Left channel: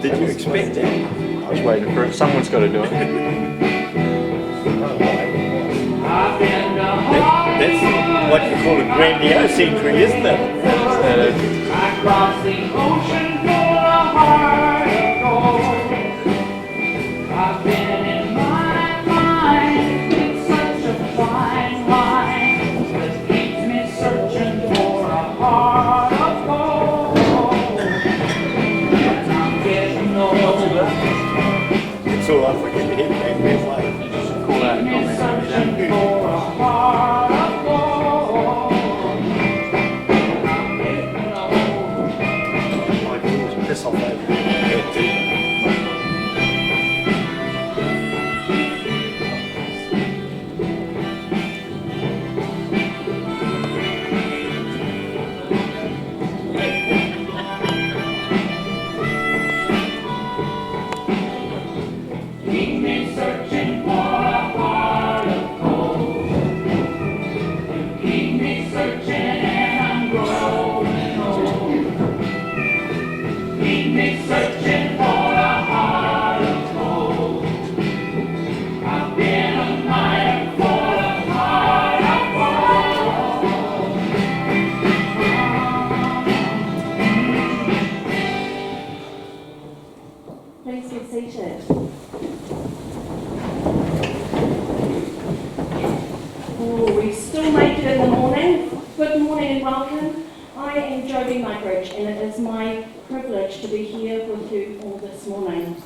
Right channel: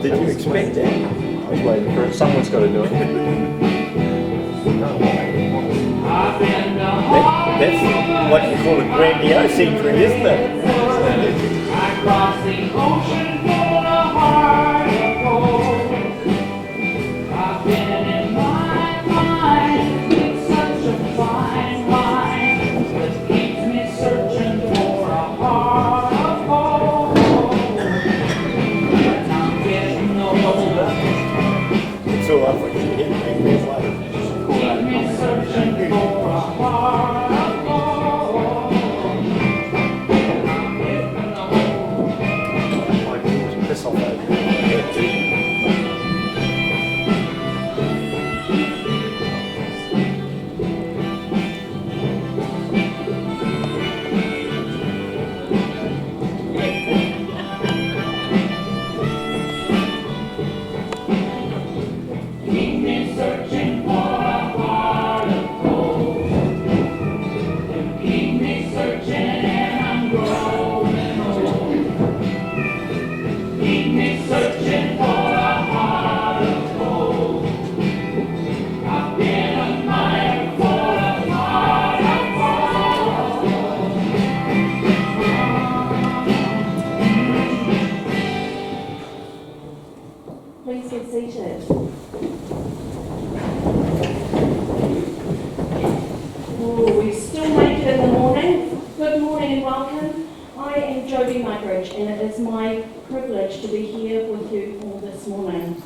Did you expect that? I was waiting for it. Someone's got to do it. That's what you call a grandiose entry, isn't it? I crossed the ocean for a heart of gold. I've been in my mind, it's such a fine wine that keeps me searching for a heart of gold. And I'm getting older, It's all right for you to hit me. keep me searching for a heart of gold. And I'm getting older. I can always piss off over it. Keep me searching for a heart of gold. You keep me searching and I'm growing old. Keep me searching for a heart of gold. I've been a miner for a heart of gold. Please get seated. Oh, we still make it in the morning. Good morning and welcome. I am Jodie Mugridge and it is my privilege to be here with you all this morning.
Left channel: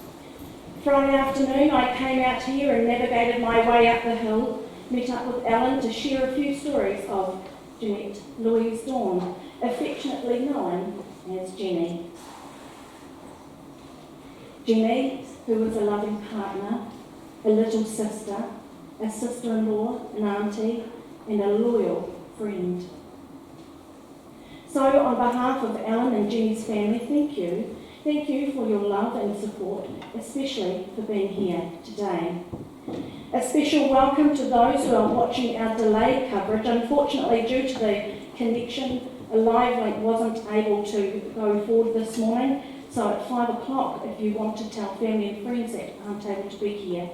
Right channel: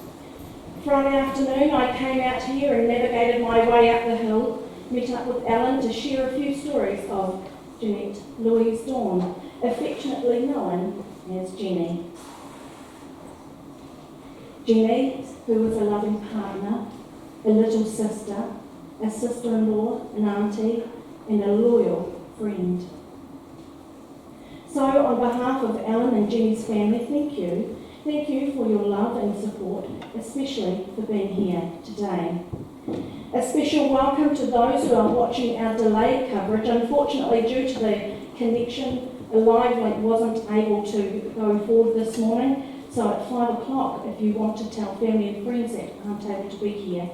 Friday afternoon I came out here and navigated my way up the hill, met up with Alan to share a few stories of Jeanette Louise Dawn, affectionately known as Jenny. Jenny, who was a loving partner, a little sister, a sister-in-law, an auntie, and a loyal friend. So on behalf of Alan and Jenny's family, thank you. Thank you for your love and support, especially for being here today. A special welcome to those who are watching our delayed coverage. Unfortunately, due to the connection, a live link wasn't able to go forward this morning. So at 5 o'clock, if you want to tell family and friends that aren't able to be here.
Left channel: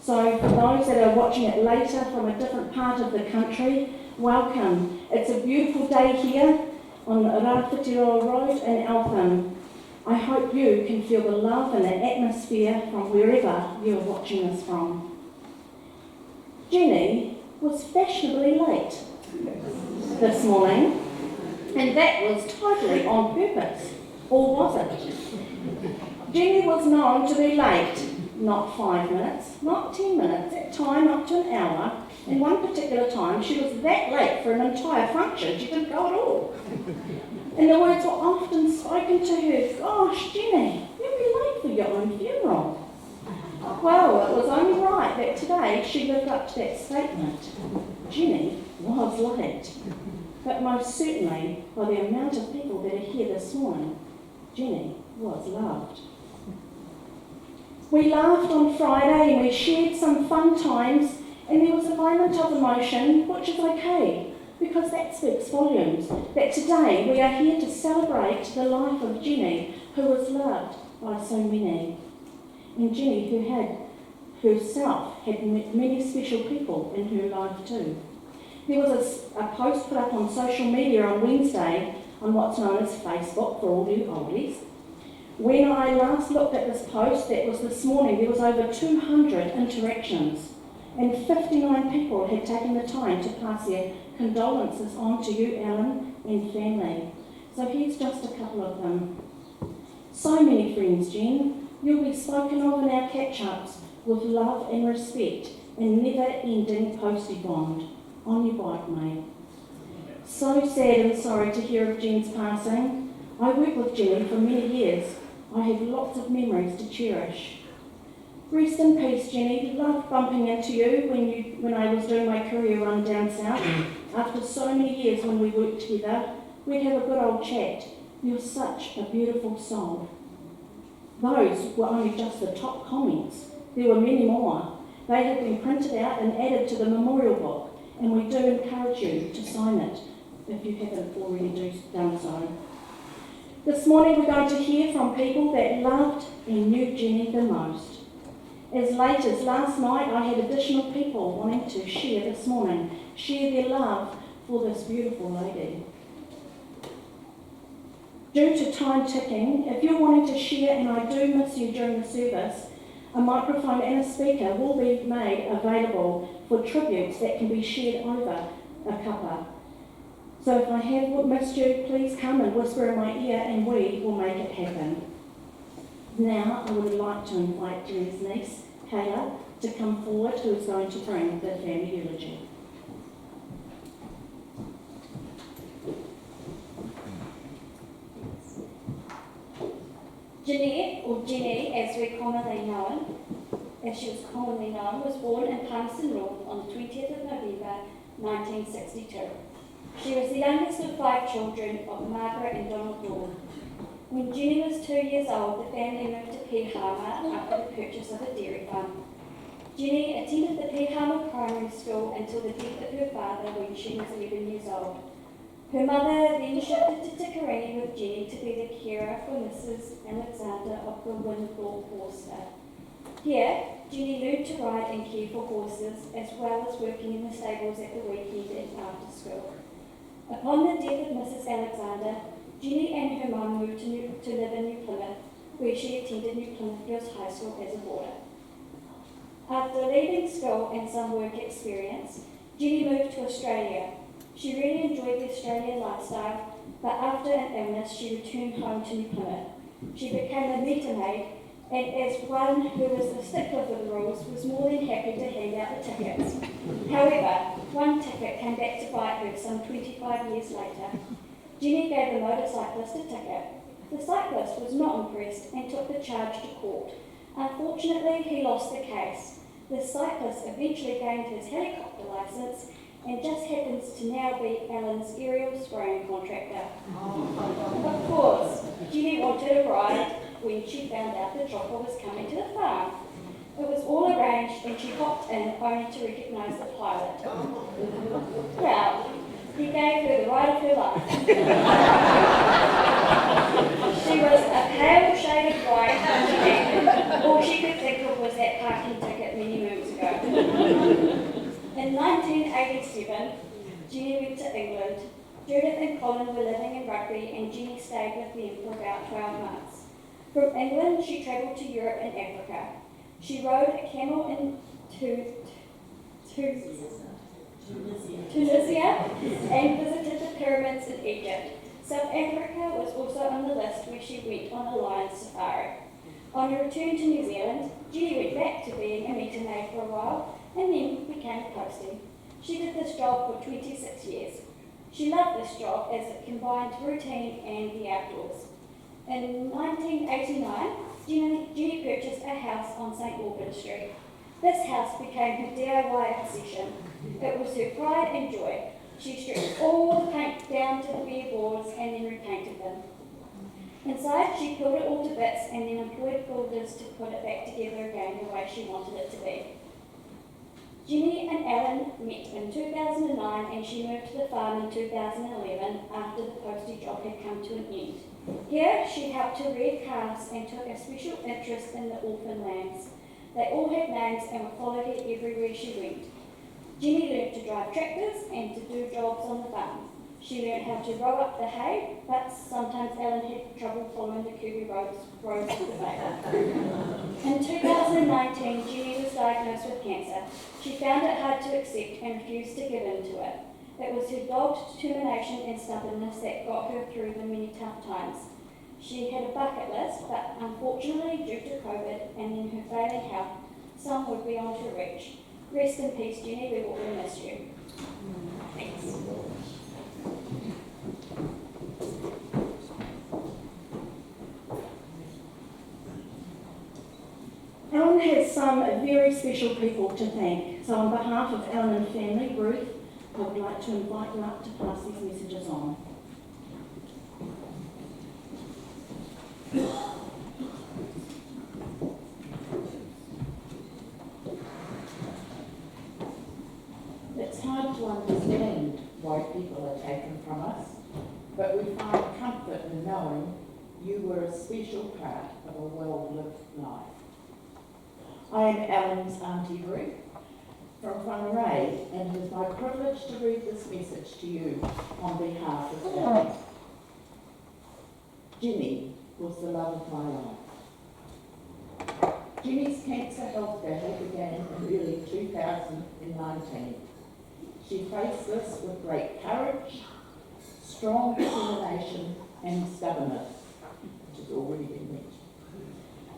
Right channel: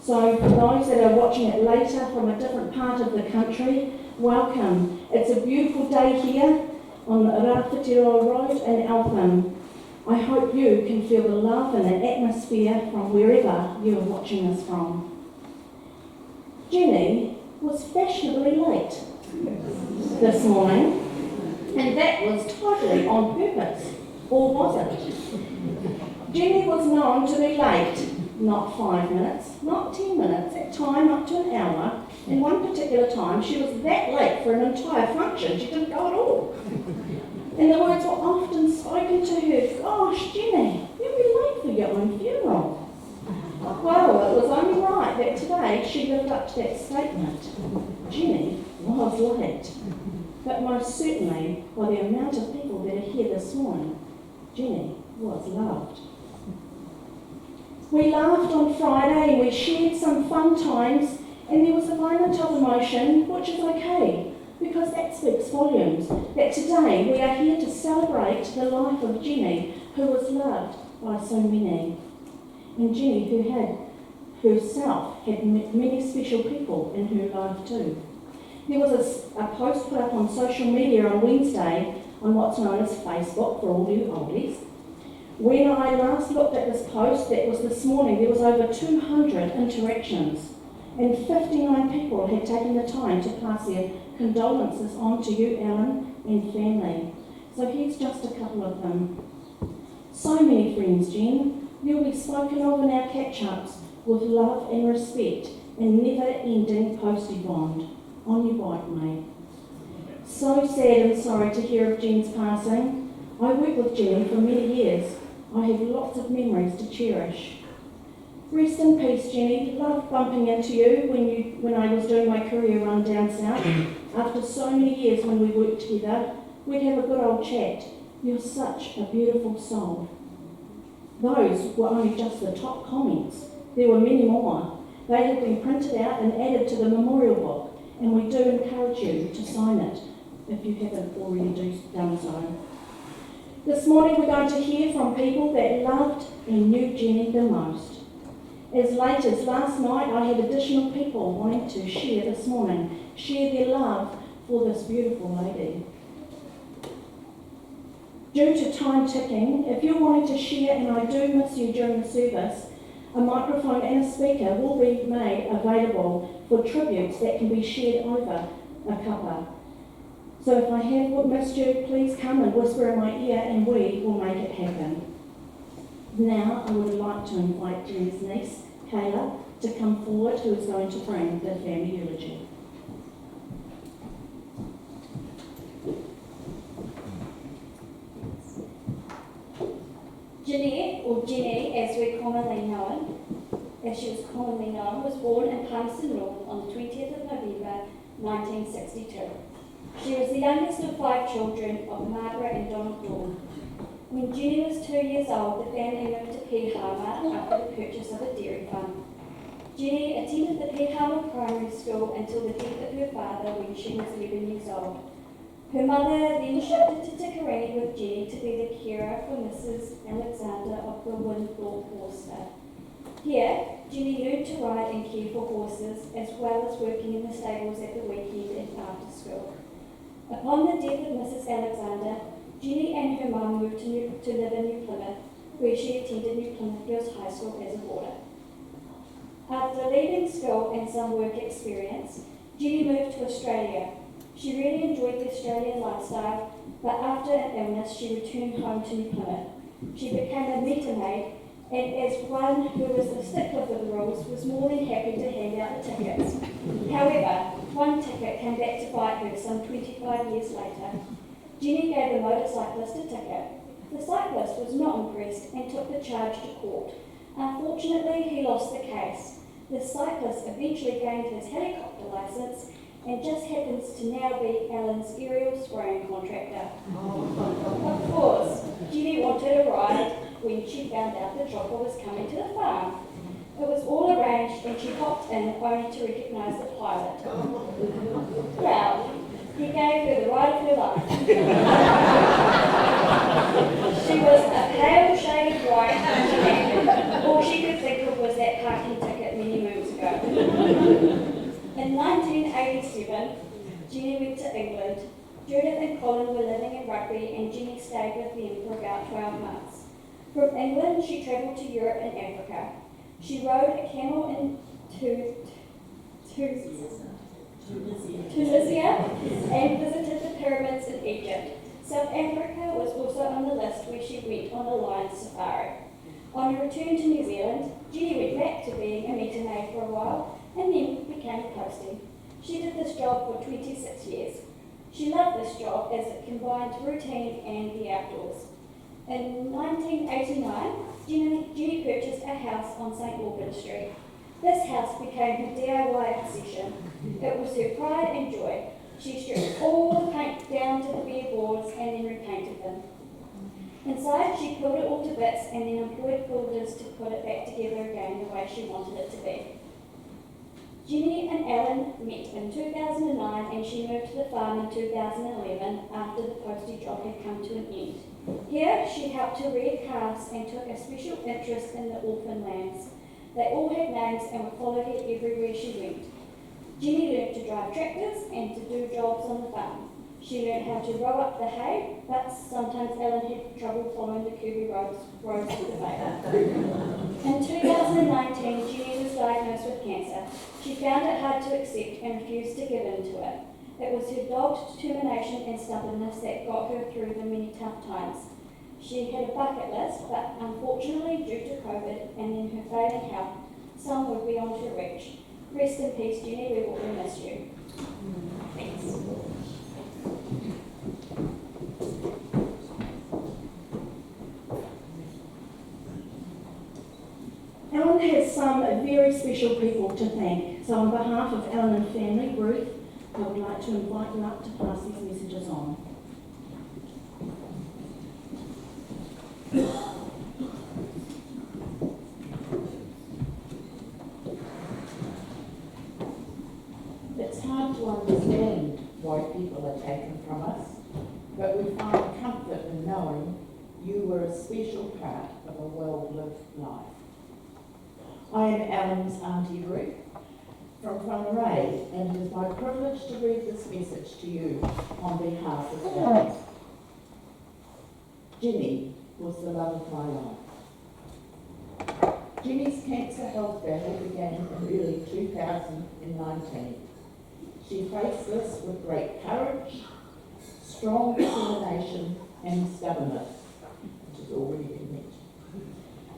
So for those that are watching it later from a different part of the country, welcome. It's a beautiful day here on Rāwhitiroa Road in Eltham. I hope you can feel the love and the atmosphere from wherever you are watching us from. Jenny was fashionably late this morning, and that was totally on purpose. Or was it? Jenny was known to be late, not 5 minutes, not 10 minutes, at time up to an hour. And one particular time she was that late for an entire function, she didn't go at all. And the words were often spoken to her, "Gosh, Jenny, you'll be late for your own funeral." Well, it was only right that today she lived up to that statement. Jenny was late. But most certainly, by the amount of people that are here this morning, Jenny was loved. We laughed on Friday and we shared some fun times, and there was a moment of emotion, which is okay, because that speaks volumes, that today we are here to celebrate the life of Jenny, who was loved by so many. And Jenny, who had herself had many special people in her life too. There was a post put up on social media on Wednesday on what's known as Facebook for all you oldies. When I last looked at this post, that was this morning, there was over 200 interactions and 59 people had taken the time to pass their condolences on to you, Alan, and family. So here's just a couple of them. So many friends, Jen. You'll be spoken of in our catch-ups with love and respect and never-ending postie bond. On your bike, mate. So sad and sorry to hear of Jen's passing. I worked with Jen for many years. I have lots of memories to cherish. Rest in peace, Jenny. Loved bumping into you when I was doing my career run down south. After so many years when we worked together, we'd have a good old chat. You're such a beautiful soul. Those were only just the top comments. There were many more. They have been printed out and added to the memorial book, and we do encourage you to sign it if you haven't already done so. This morning we're going to hear from people that loved and knew Jenny the most. As late as last night, I had additional people wanting to share this morning, share their love for this beautiful lady. Due to time ticking, if you're wanting to share, and I do miss you during the service, a microphone and a speaker will be made available for tributes that can be shared over a cuppa. So if I have missed you, please come and whisper in my ear and we will make it happen. Now I would like to invite Jenny's niece, Kayla, to come forward, who is going to bring the family eulogy. Jeanette, or Jenny as she was commonly known, was born in Palmerston North on the 20th of November 1962. She was the youngest of 5 children of Margaret and Donald Dawn. When Jenny was 2 years old, the family moved to Pihama after the purchase of a dairy farm. Jenny attended the Pihama Primary School until the death of her father when she was 11 years old. Her mother then shifted to Tikarangi with Jenny to be the carer for Mrs. Alexander of the Winthorpe Horster. Here, Jenny learned to ride and care for horses, as well as working in the stables at the weekend and after school. Upon the death of Mrs. Alexander, Jenny and her mum moved to live in New Plymouth, where she attended New Plymouth Girls High School as a boarder. After leaving school and some work experience, Jenny moved to Australia. She really enjoyed the Australian lifestyle, but after an illness, she returned home to New Plymouth. She became a meter maid, and as one who was a stickler for the rules, was more than happy to hand out the tickets. However, one ticket came back to bite her some 25 years later. Jenny gave the motorcyclist a ticket. The cyclist was not impressed and took the charge to court. Unfortunately, he lost the case. The cyclist eventually gained his helicopter licence and just happens to now be Alan's aerial spraying contractor. Of course, Jenny wanted a ride when she found out the chopper was coming to the farm. It was all arranged and she hopped in only to recognise the pilot. Well, he gave her the ride of her life. She was a pale shade of white and all she could think of was that parking ticket many moons ago. In 1987, Jenny went to England. Judith and Colin were living in Rugby and Jenny stayed with them for about 12 months. From England, she travelled to Europe and Africa. She rode a camel into Tunisia and visited the pyramids in Egypt. South Africa was also on the list where she went on a lion safari. On her return to New Zealand, Jenny went back to being a meter maid for a while and then became a postie. She did this job for 26 years. She loved this job as it combined routine and the outdoors. In 1989, Jenny purchased a house on St. Albans Street. This house became her DIY obsession. It was her pride and joy. She stripped all the paint down to the bare boards and then repainted them. Inside, she peeled it all to bits and then employed builders to put it back together again the way she wanted it to be. Jenny and Alan met in 2009 and she moved to the farm in 2011 after the postie job had come to an end. Here, she helped to rear calves and took a special interest in the orphan lambs. They all had names and were followed her everywhere she went. Jenny learned to drive tractors and to do jobs on the farm. She learned how to roll up the hay, but sometimes Alan had trouble following the curvy roads of the baby. In 2019, Jenny was diagnosed with cancer. She found it hard to accept and refused to give in to it. It was her dogged determination and stubbornness that got her through the many tough times. She had a bucket list, but unfortunately, due to COVID and then her failing health, some would be on her reach. Rest in peace, Jenny, we will miss you. Thanks. Alan has some very special people to thank. So on behalf of Alan and family, Ruth, I would like to invite you up to pass these messages on. understand why people are taken from us, but we find comfort in knowing you were a special part of a well-lived life. I am Ellen's Auntie Ruth from Whangarei, and it is my privilege to read this message to you on behalf of Ellen. Ginny was the love of my life. Ginny's cancer health battle began in early 2019. She faced this with great courage, strong determination and stubbornness, which has already been mentioned.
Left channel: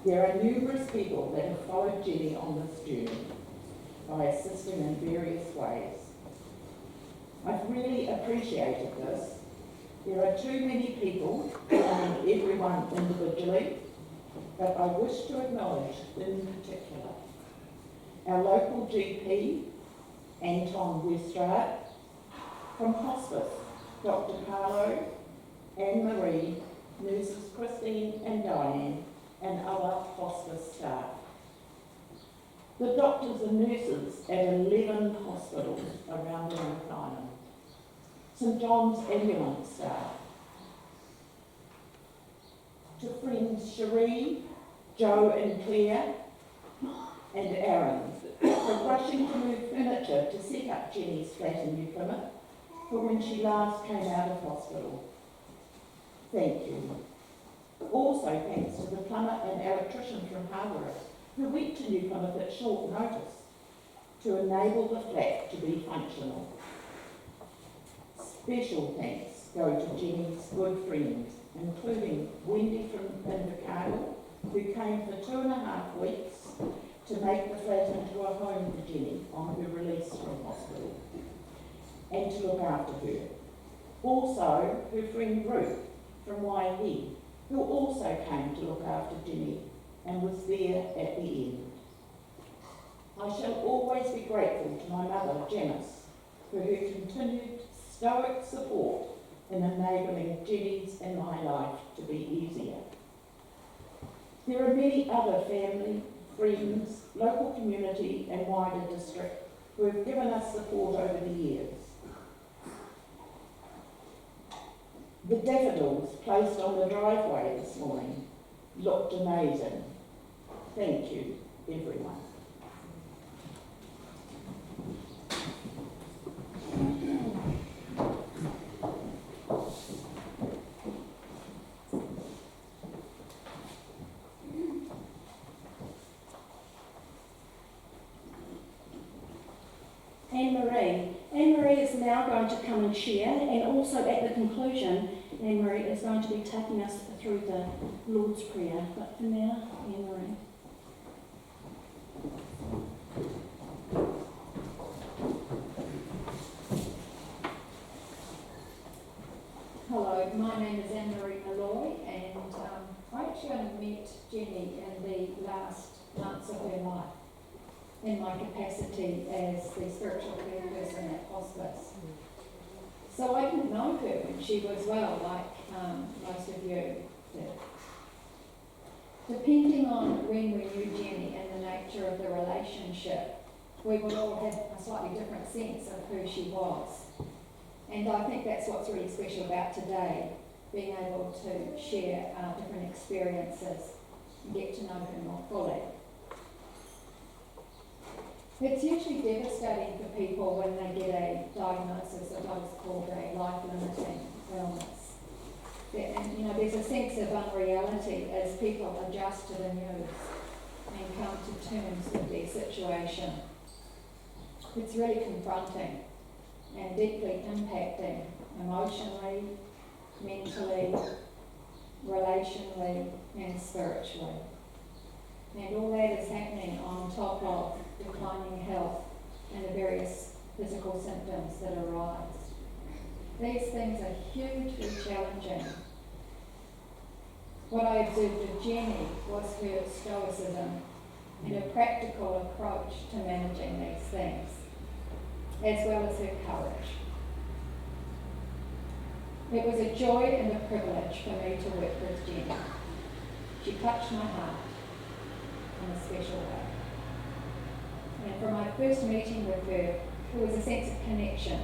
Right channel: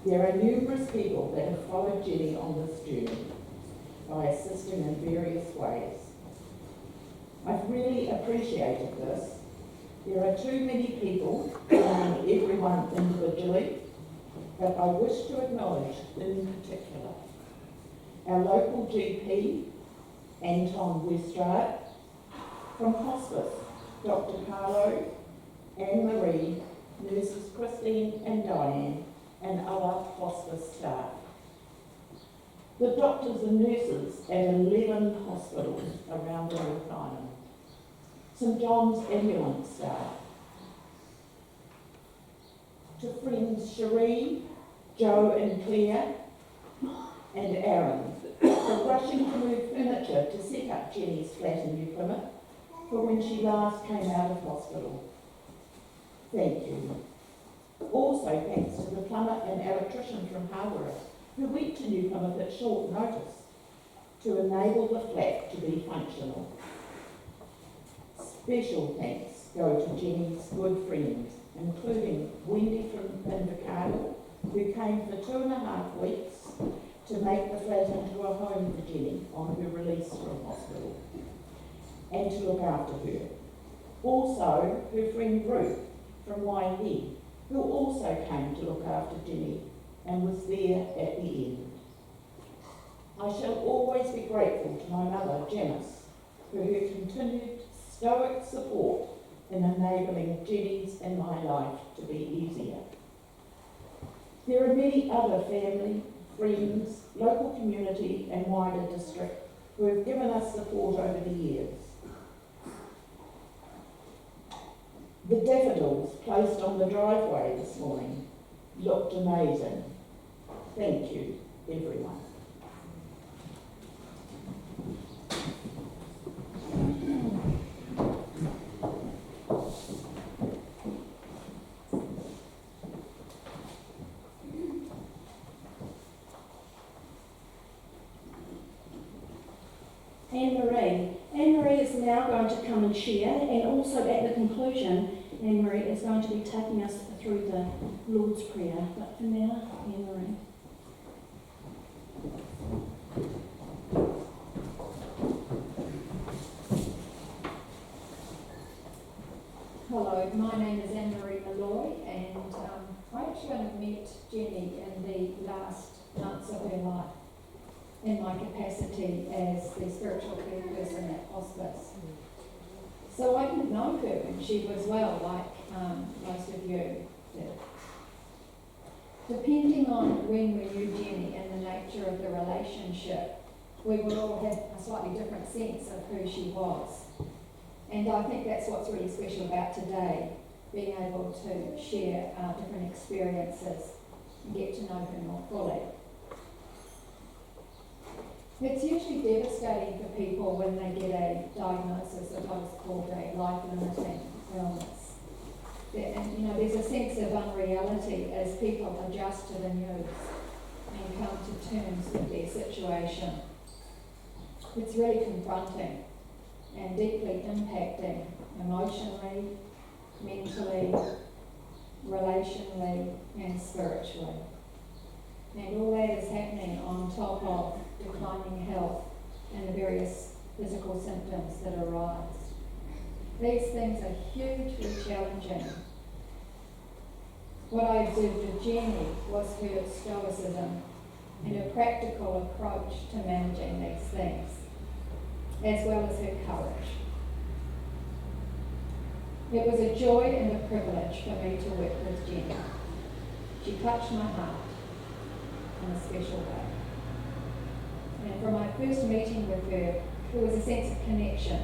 There are numerous people that have followed Ginny on this journey by assisting in various ways. I've really appreciated this. There are too many people, and everyone individually, but I wish to acknowledge in particular our local GP, Anton Westrade, from hospice, Dr. Carlo, Anne-Marie, nurses Christine and Diane, and other hospice staff. The doctors and nurses at 11 hospitals around North Island. St John's ambulance staff. To friends Cherie, Joe and Claire, and Aaron, for rushing to move furniture to set up Jenny's flat in New Plymouth for when she last came out of hospital. Thank you. Also thanks to the plumber and electrician from Harborough who went to New Plymouth at short notice to enable the flat to be functional. Special thanks go to Jenny's good friends, including Wendy from Invercargill, who came for 2.5 weeks to make the flat into a home for Jenny on her release from hospital, and to look after her. Also, her friend Ruth from Waihi, who also came to look after Jenny and was there at the end. I shall always be grateful to my mother, Janice, for her continued stoic support in enabling Jenny's and my life to be easier. There are many other family, friends, local community and wider district who have given us support over the years. The daffodils placed on the driveway this morning looked amazing. Thank you, everyone. Anne-Marie is now going to come and share, and also at the conclusion, Anne-Marie is going to be taking us through the Lord's Prayer. But for now, Anne-Marie. Hello, my name is Anne-Marie Malloy, and I actually only met Jenny in the last months of her life in my capacity as the spiritual care person at hospice. So I didn't know her when she was well, like most of you did. Depending on when we knew Jenny and the nature of the relationship, we would all have a slightly different sense of who she was. And I think that's what's really special about today, being able to share our different experiences and get to know her more fully. It's usually devastating for people when they get a diagnosis of what is called a life-limiting illness. And there's a sense of unreality as people adjust to the news and come to terms with their situation. It's really confronting and deeply impacting emotionally, mentally, relationally and spiritually. And all that is happening on top of declining health and the various physical symptoms that arise. These things are hugely challenging. What I observed with Jenny was her stoicism and her practical approach to managing these things, as well as her courage. It was a joy and a privilege for me to work with Jenny. She touched my heart in a special way. And from my first meeting with her, there was a sense of connection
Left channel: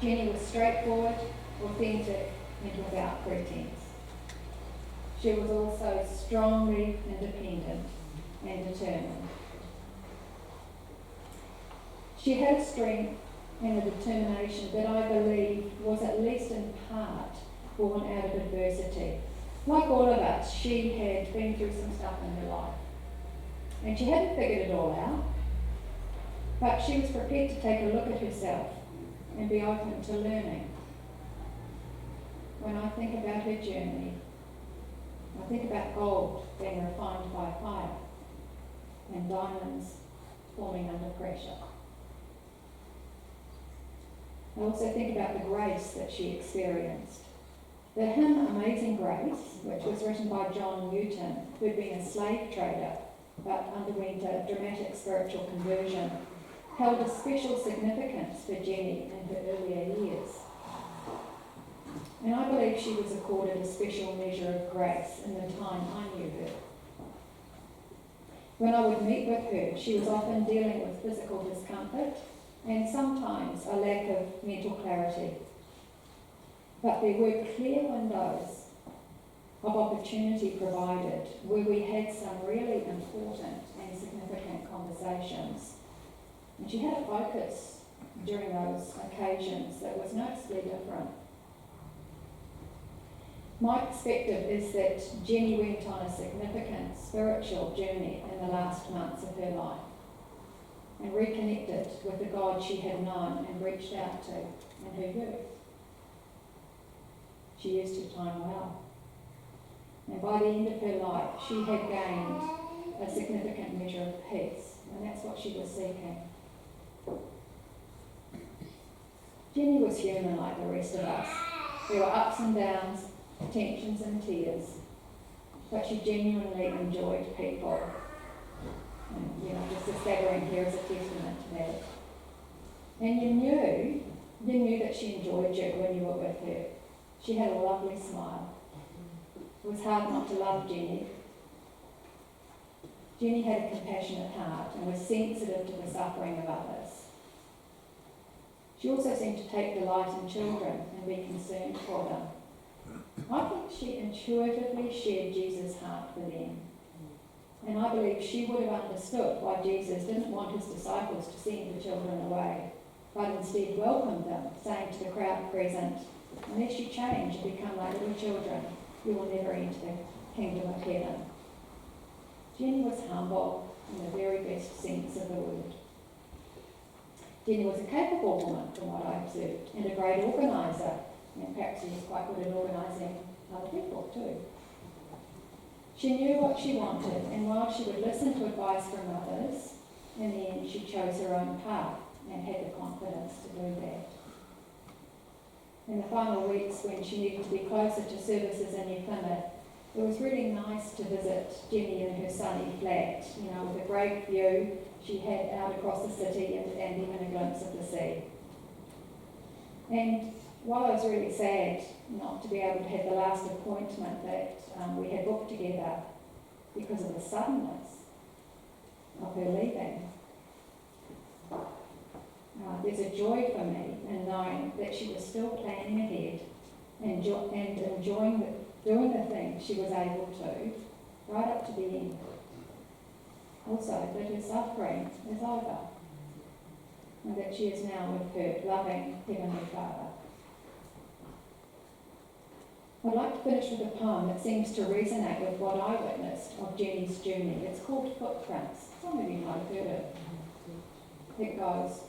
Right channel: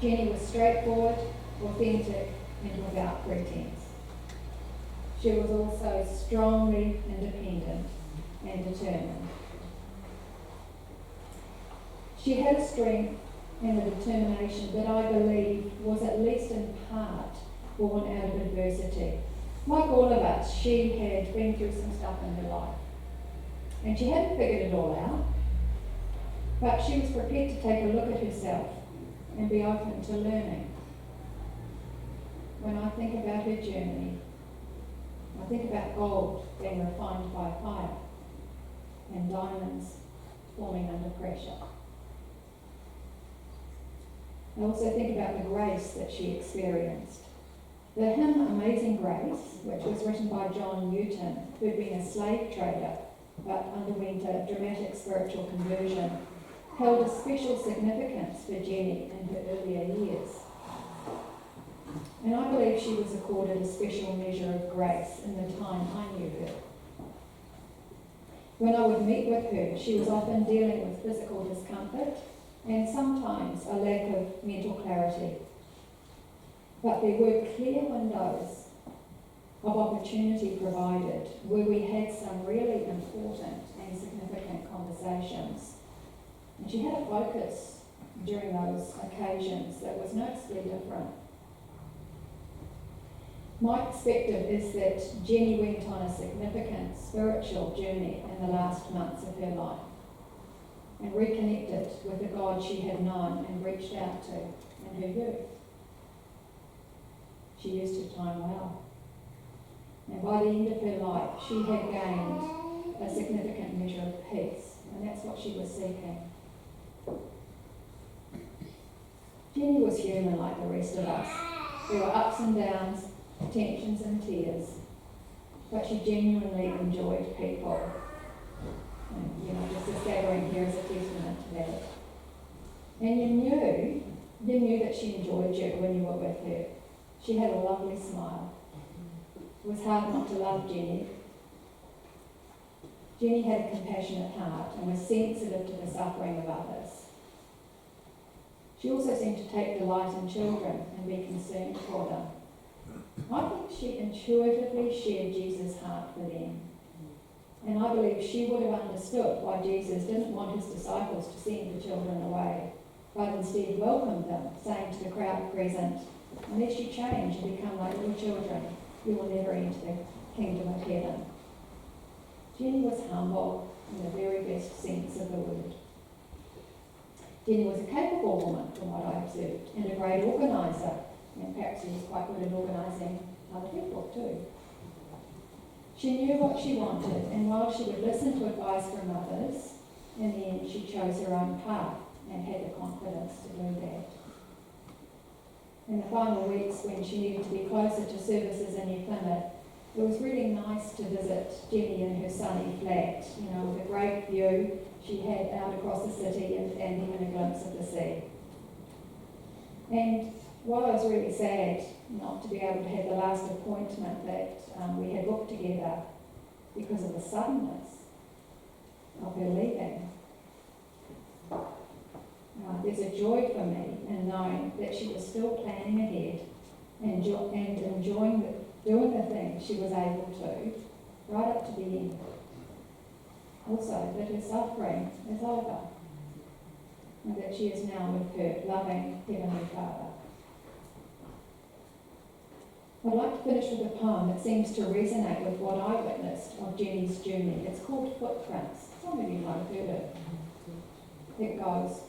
Jenny was straightforward, authentic, and without pretense. She was also strongly independent and determined. She had a strength and a determination that I believe was at least in part born out of adversity. Like all of us, she had been through some stuff in her life. And she hadn't figured it all out, but she was prepared to take a look at herself and be open to learning. When I think about her journey, I think about gold being refined by fire and diamonds forming under pressure. I also think about the grace that she experienced. The hymn Amazing Grace, which was written by John Newton, who had been a slave trader but underwent a dramatic spiritual conversion, held a special significance for Jenny in her earlier years. And I believe she was accorded a special measure of grace in the time I knew her. When I would meet with her, she was often dealing with physical discomfort and sometimes a lack of mental clarity. But there were clear windows of opportunity provided where we had some really important and significant conversations. And she had a focus during those occasions that was noticeably different. My perspective is that Jenny went on a significant spiritual journey in the last months of her life and reconnected with the God she had known and reached out to in her youth. She used her time well. And by the end of her life, she had gained a significant measure of peace, and that's what she was seeking. Jenny was human like the rest of us. There were ups and downs, tensions and tears, but she genuinely enjoyed people. And, just this gathering here is a testament to that. And you knew that she enjoyed you when you were with her. She had a lovely smile. It was hard not to love Jenny. Jenny had a compassionate heart and was sensitive to the suffering of others. She also seemed to take delight in children and be concerned for them. I think she intuitively shared Jesus' heart for them. And I believe she would have understood why Jesus didn't want his disciples to send the children away, but instead welcomed them, saying to the crowd present, "Unless you change and become like little children, you will never enter the kingdom of heaven." Jenny was humble in the very best sense of the word. Jenny was a capable woman, from what I observed, and a great organiser, and perhaps she was quite good at organising other people too. She knew what she wanted, and while she would listen to advice from others, in the end she chose her own path and had the confidence to do that. In the final weeks, when she needed to be closer to services in New Plymouth, it was really nice to visit Jenny in her sunny flat, with a great view she had out across the city and even a glimpse of the sea. And while I was really sad not to be able to have the last appointment that we had booked together because of the suddenness of her leaving, there's a joy for me in knowing that she was still planning ahead and enjoying doing the things she was able to right up to the end. Also, that her suffering is over and that she is now with her loving Heavenly Father. I'd like to finish with a poem that seems to resonate with what I witnessed of Jenny's journey. It's called Footprints. Some of you might have heard it. It goes,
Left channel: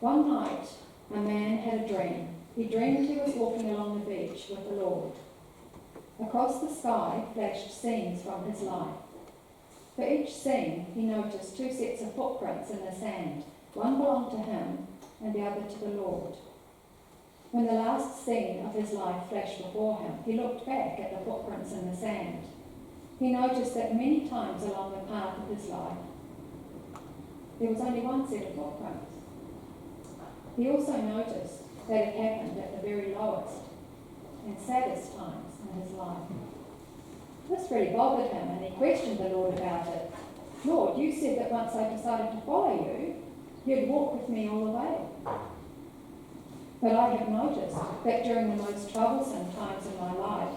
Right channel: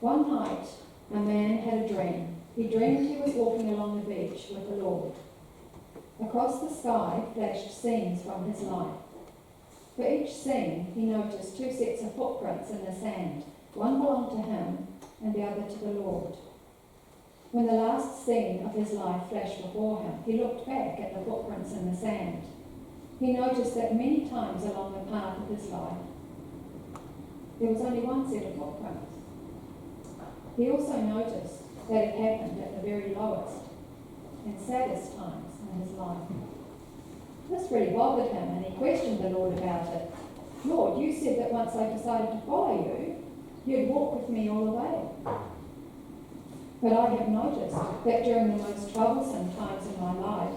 "One night, a man had a dream. He dreamed he was walking along the beach with the Lord. Across the sky flashed scenes from his life. For each scene, he noticed two sets of footprints in the sand. One belonged to him and the other to the Lord. When the last scene of his life flashed before him, he looked back at the footprints in the sand. He noticed that many times along the path of his life, there was only one set of footprints. He also noticed that it happened at the very lowest and saddest times in his life. This really bothered him, and he questioned the Lord about it. Lord, you said that once I decided to follow you, you'd walk with me all the way. But I have noticed that during the most troublesome times in my life,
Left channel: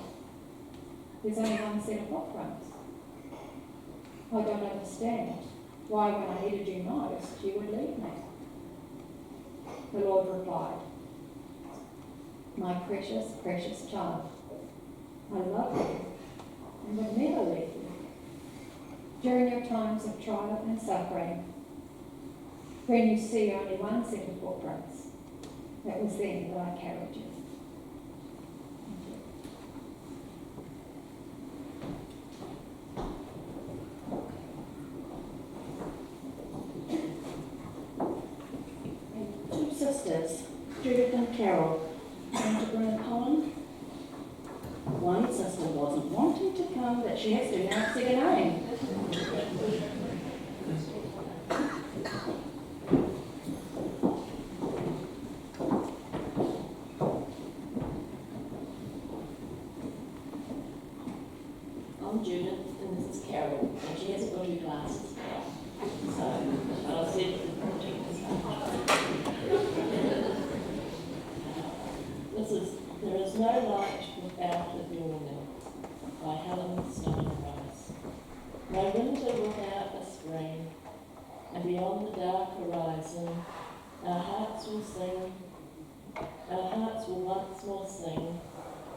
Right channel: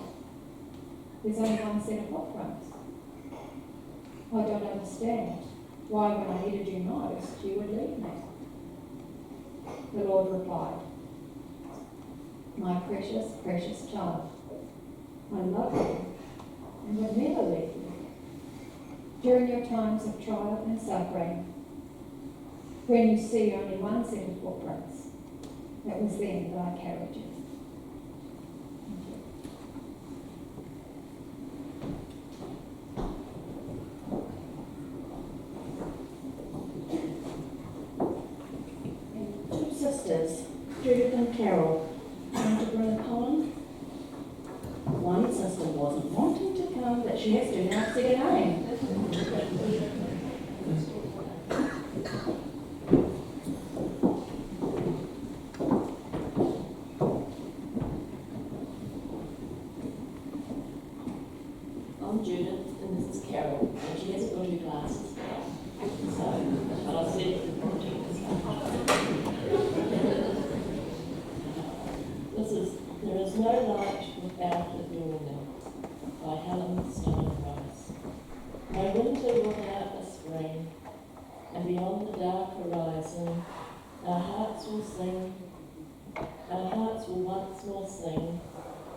there's only one set of footprints. I don't understand why when I needed you most, you would leave me. The Lord replied, my precious, precious child, I love you and will never leave you. During your times of trial and suffering, when you see only one set of footprints, it was then that I carried you. Thank you. And two sisters, Judith and Carol, going to bring a poem. One sister wasn't wanting to come, but she has to now sing it name. I'm Judith, and this is Carol, and she hasn't got her glasses. So, but I said, this is There Is No Light Without a Dawning by Helen Stein Rice. No winter without a spring, and beyond the dark horizon, our hearts will sing, our hearts will once more sing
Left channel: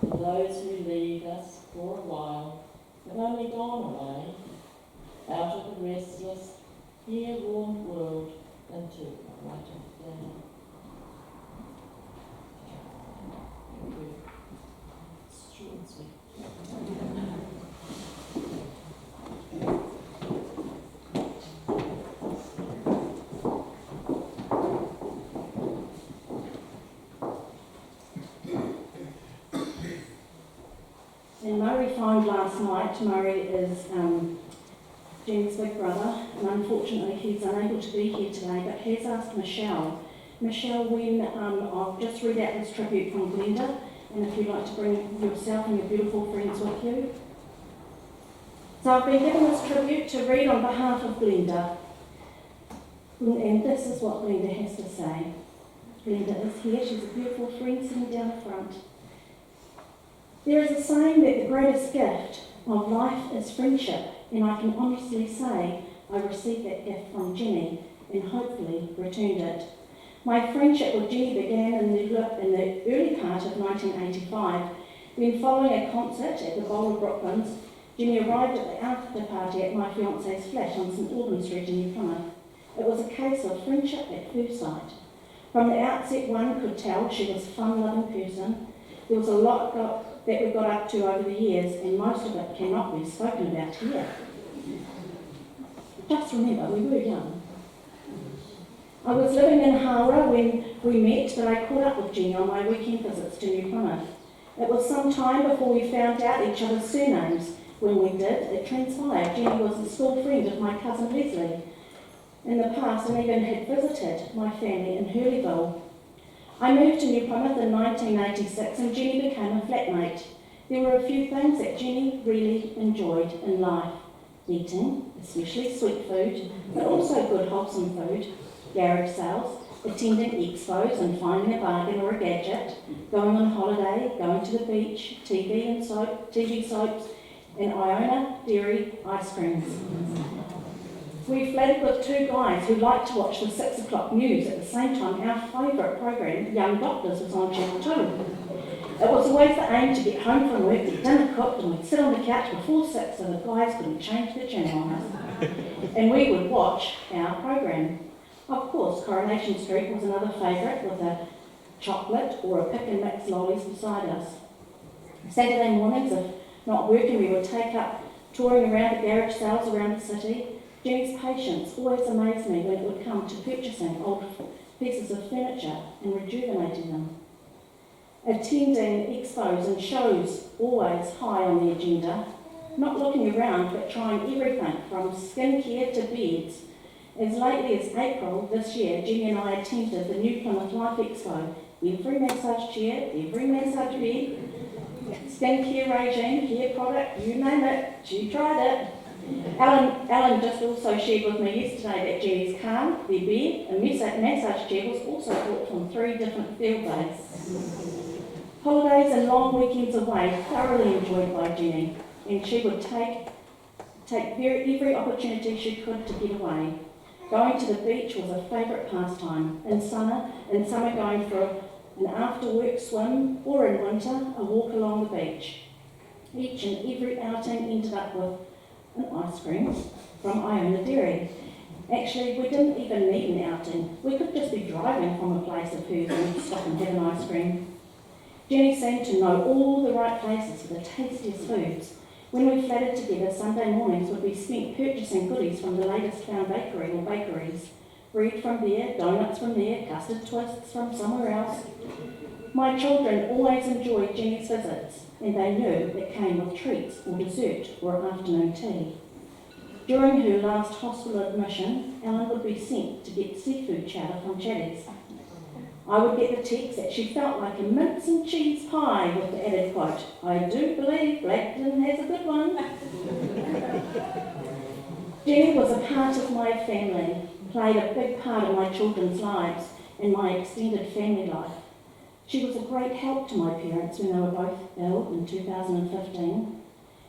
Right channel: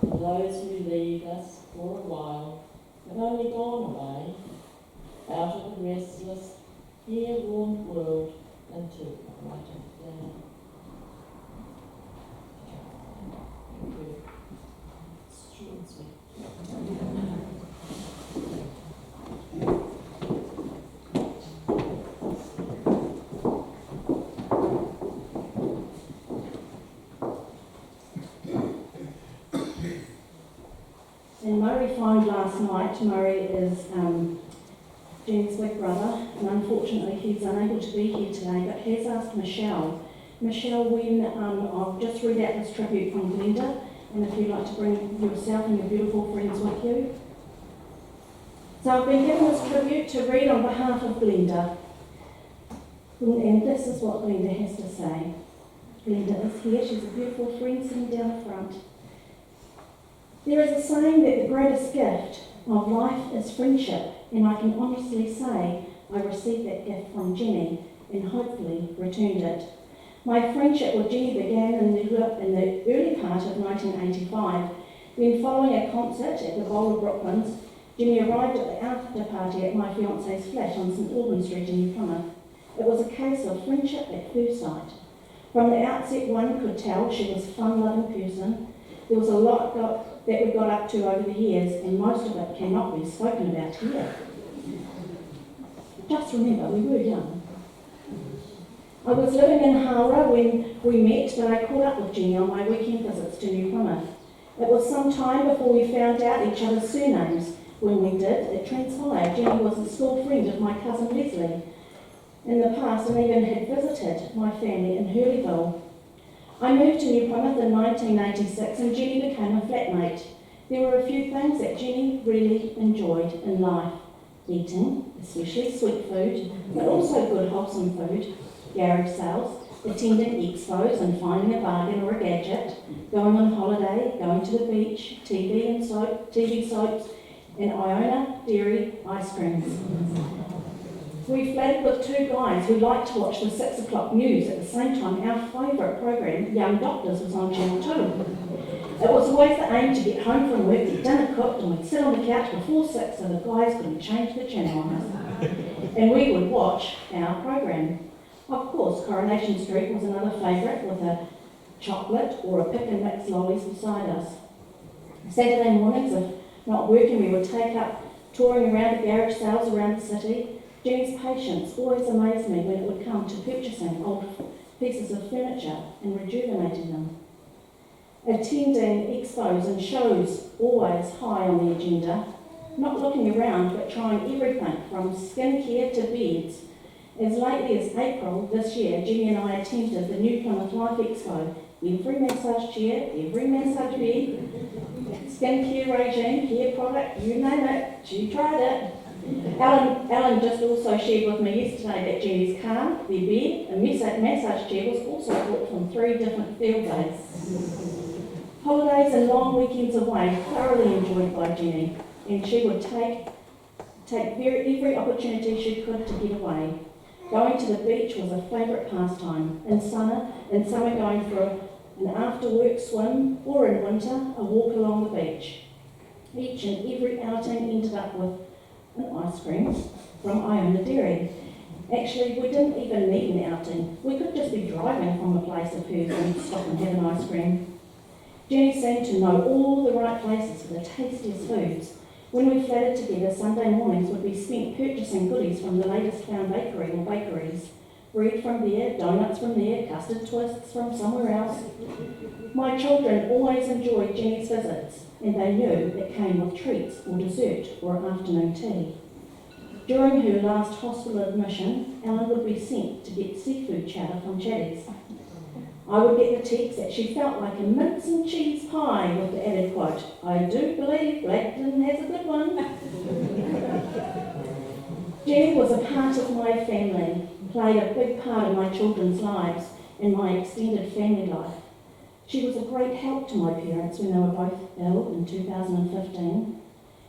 for those who leave us for a while, have only gone away, out of the restless, here-warmed world into a brighter day. Thank you. It's short and sweet. And Murray phoned last night. Murray is Jen's big brother, and unfortunately he's unable to be here today, but he has asked Michelle, when I'll just read out this tribute from Glenda, and if you'd like to bring yourself and your beautiful friends with you. So I've been given this tribute to read on behalf of Glenda, and this is what Glenda has to say. Glenda is here. She's a beautiful friend sitting down front. There is a saying that the greatest gift of life is friendship, and I can honestly say I received that gift from Jenny and hopefully returned it. My friendship with Jenny began in the early part of 1985, when following a concert at the Bowl of Brooklands, Jenny arrived at the after party at my fiance's flat on St Albans Street in New Plymouth. It was a case of friendship at first sight. From the outset, one could tell she was a fun-loving person. There was a lot that we got up to over the years, and most of it cannot be spoken about here. Just remember, we were young. I was living in Hara when we met, but I caught up with Jenny on my weekend visits to New Plymouth. It was some time before we found out each other's surnames. When we did, it transpired Jenny was a school friend of my cousin Leslie in the past, and even had visited my family in Hurleyville. I moved to New Plymouth in 1986 and Jenny became a flatmate. There were a few things that Jenny really enjoyed in life. Eating, especially sweet food, but also good wholesome food, garage sales, attending expos and finding a bargain or a gadget, going on holiday, going to the beach, TV soaps, and Iona Dairy ice creams. We flirted with two guys who liked to watch the 6 o'clock news at the same time our favourite program, Young Doctors, was on Channel 2. It was always the aim to get home from work, get dinner cooked, and we'd sit on the couch before 6 so the guys couldn't change the channel on us. And we would watch our program. Of course, Coronation Street was another favourite, with a chocolate or a pick and mix lollies beside us. Saturday mornings, if not working, we would take up touring around the garage sales around the city. Jenny's patience always amazed me when it would come to purchasing old pieces of furniture and rejuvenating them. Attending expos and shows always high on the agenda, not looking around but trying everything from skincare to beds. As lately as April this year, Jenny and I attended the New Plymouth Life Expo. Every massage chair, every massage bed, skincare regime, hair product, you name it, she tried it. Alan just also shared with me yesterday that Jenny's car, their bed, and massage chair was also bought from 3 different field days. Holidays and long weekends away thoroughly enjoyed by Jenny, and she would take every opportunity she could to get away. Going to the beach was a favourite pastime. In summer going for an after-work swim, or in winter, a walk along the beach. Each and every outing ended up with an ice cream from Iona Dairy. Actually, we didn't even need an outing. We could just be driving from a place of hers and stop and have an ice cream. Jenny seemed to know all the right places for the tastiest foods. When we flattered together, Sunday mornings would be spent purchasing goodies from the latest found bakery or bakeries. Bread from there, donuts from there, custard twists from somewhere else. My children always enjoyed Jenny's visits, and they knew it came with treats or dessert or afternoon tea. During her last hospital admission, Ellen would be sent to get seafood chowder from Chatties. I would get the text that she felt like a mince and cheese pie with the added quote, "I do believe Blackton has a good one." Jenny was a part of my family, played a big part in my children's lives and my extended family life. She was a great help to my parents when they were both ill in 2015,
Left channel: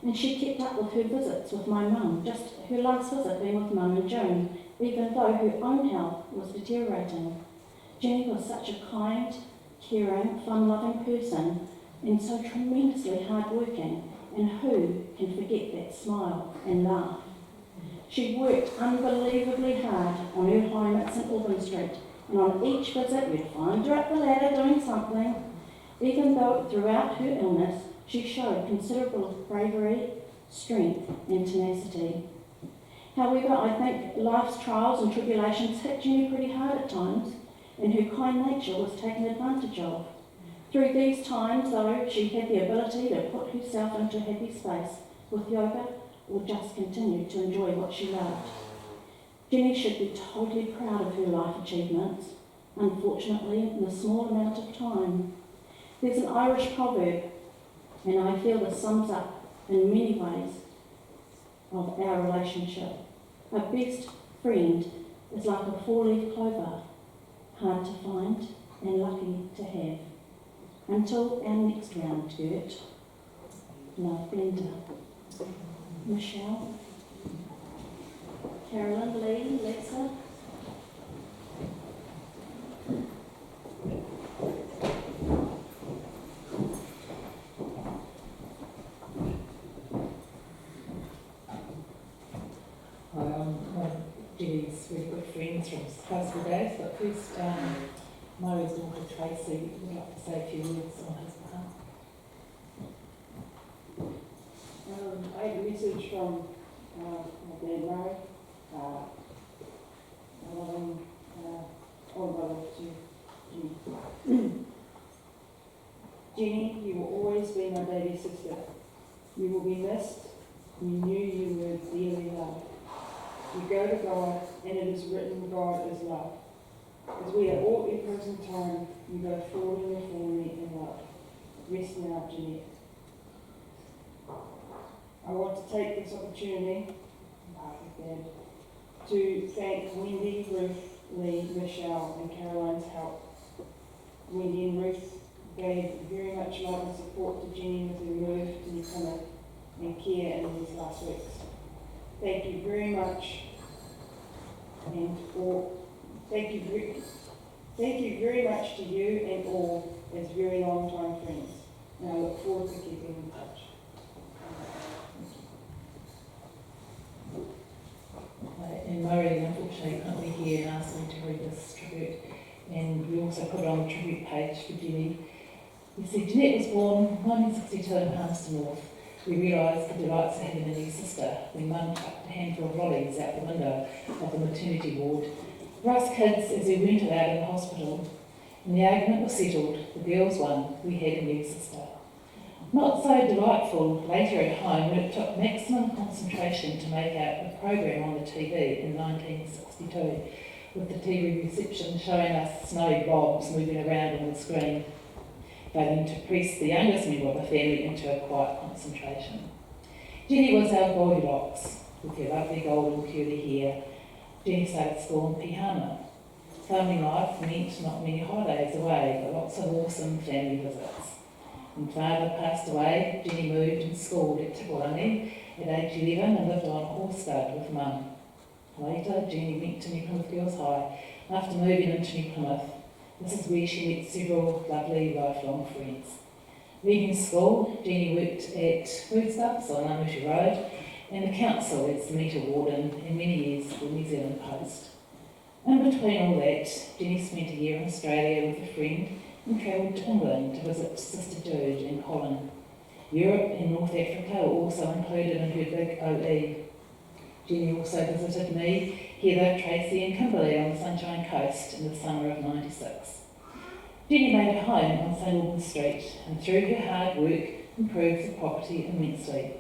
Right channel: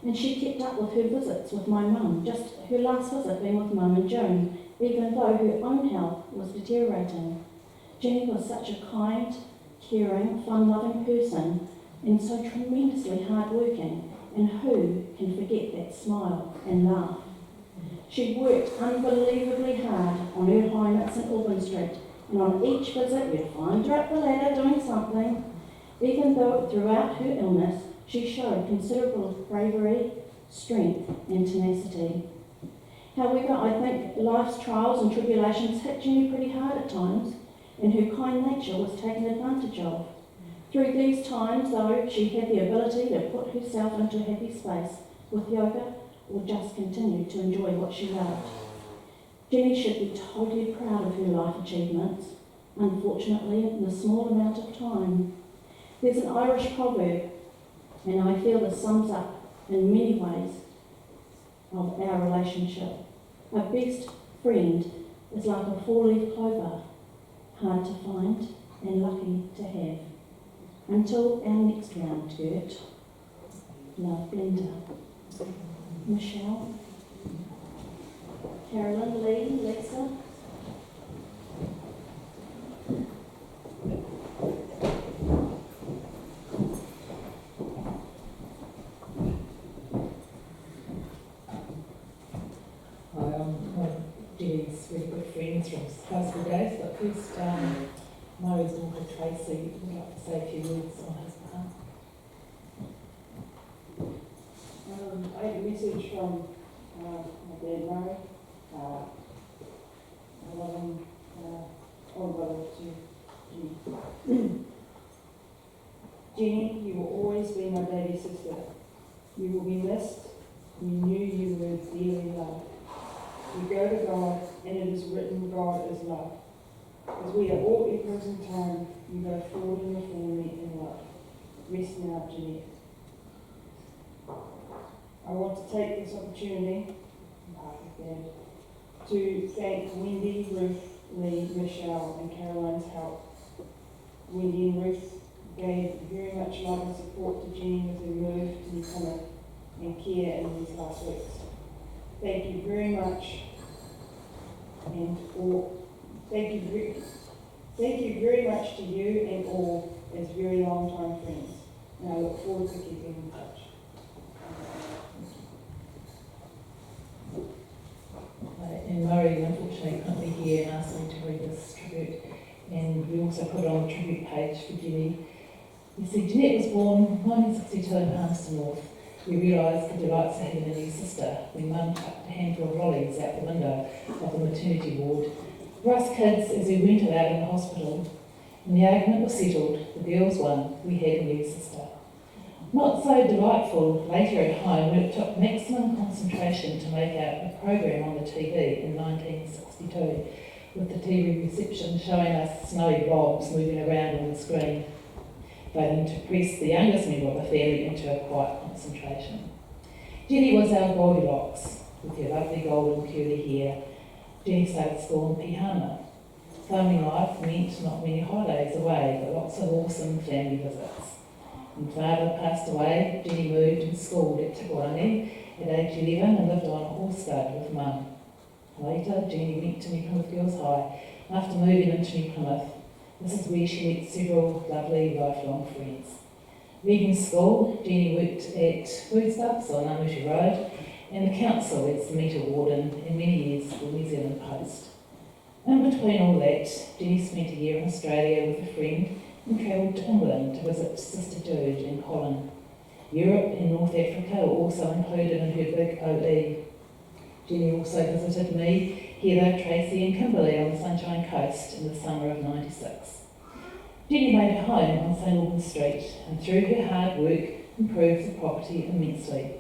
and she kept up with her visits with my mum, just her last visit being with Mum in June, even though her own health was deteriorating. Jenny was such a kind, caring, fun-loving person, and so tremendously hard-working, and who can forget that smile and laugh? She worked unbelievably hard on her home at St Albans Street, and on each visit you'd find her up the ladder doing something. Even though throughout her illness she showed considerable bravery, strength and tenacity. However, I think life's trials and tribulations hit Jenny pretty hard at times, and her kind nature was taken advantage of. Through these times, though, she had the ability to put herself into a happy space with yoga or just continue to enjoy what she loved. Jenny should be totally proud of her life achievements, unfortunately in a small amount of time. There's an Irish proverb, and I feel this sums up in many ways of our relationship. A best friend is like a 4-leaf clover, hard to find and lucky to have. Until our next round, Gert. Love, Linda. Michelle. Carolyn, Lee, Lisa. Jenny's really good friends from high school days, but first, Murray's daughter Tracy would like to say a few words on his behalf. I had a message from my dad Murray. I love him, older brother to Jenny. Jenny, you will always be my baby sister. You will be missed. We knew you were dearly loved. We go to God, and it is written, God is love. As we are all echoes in time, you go forward in your family in love. Rest now, Jeanette. I want to take this opportunity, to thank Wendy, Ruth, Lee, Michelle, and Caroline's help. Wendy and Ruth gave very much love and support to Jenny with her move to New Plymouth and care in these last weeks. Thank you very much, and thank you very much to you and all as very long time friends, and I look forward to keeping in touch. And Murray unfortunately couldn't be here and asked me to read this tribute, and we also put it on the tribute page for Jenny. You see, Jeanette was born 1962 in Palmerston North. We realised the delights of having a new sister when Mum chucked a handful of lollies out the window of the maternity ward. For us kids, as we went out in the hospital, and the argument was settled, the girls won, we had a new sister. Not so delightful later at home when it took maximum concentration to make out a program on the TV in 1962, with the TV reception showing us snowy blobs moving around on the screen, failing to press the youngest member of the family into a quiet concentration. Jenny was our Goldilocks, with her lovely golden curly hair, Jenny started school in Pihana. Family life meant not many holidays away, but lots of awesome family visits. When father passed away, Jenny moved and schooled at Tikorangi at age 11 and lived on a horse stud with mum. Later, Jenny went to New Plymouth Girls High. After moving into New Plymouth, this is where she met several lovely lifelong friends. Leaving school, Jenny worked at Foodstuffs on Amushi Road and the council as the meter warden and many years for New Zealand Post. In between all that, Jenny spent a year in Australia with a friend and travelled to England to visit Sister Jude and Colin. Europe and North Africa were also included in her big OE. Jenny also visited me, Heather, Tracy and Kimberley on the Sunshine Coast in the summer of '96. Jenny made a home on St Albans Street and through her hard work improved the property immensely.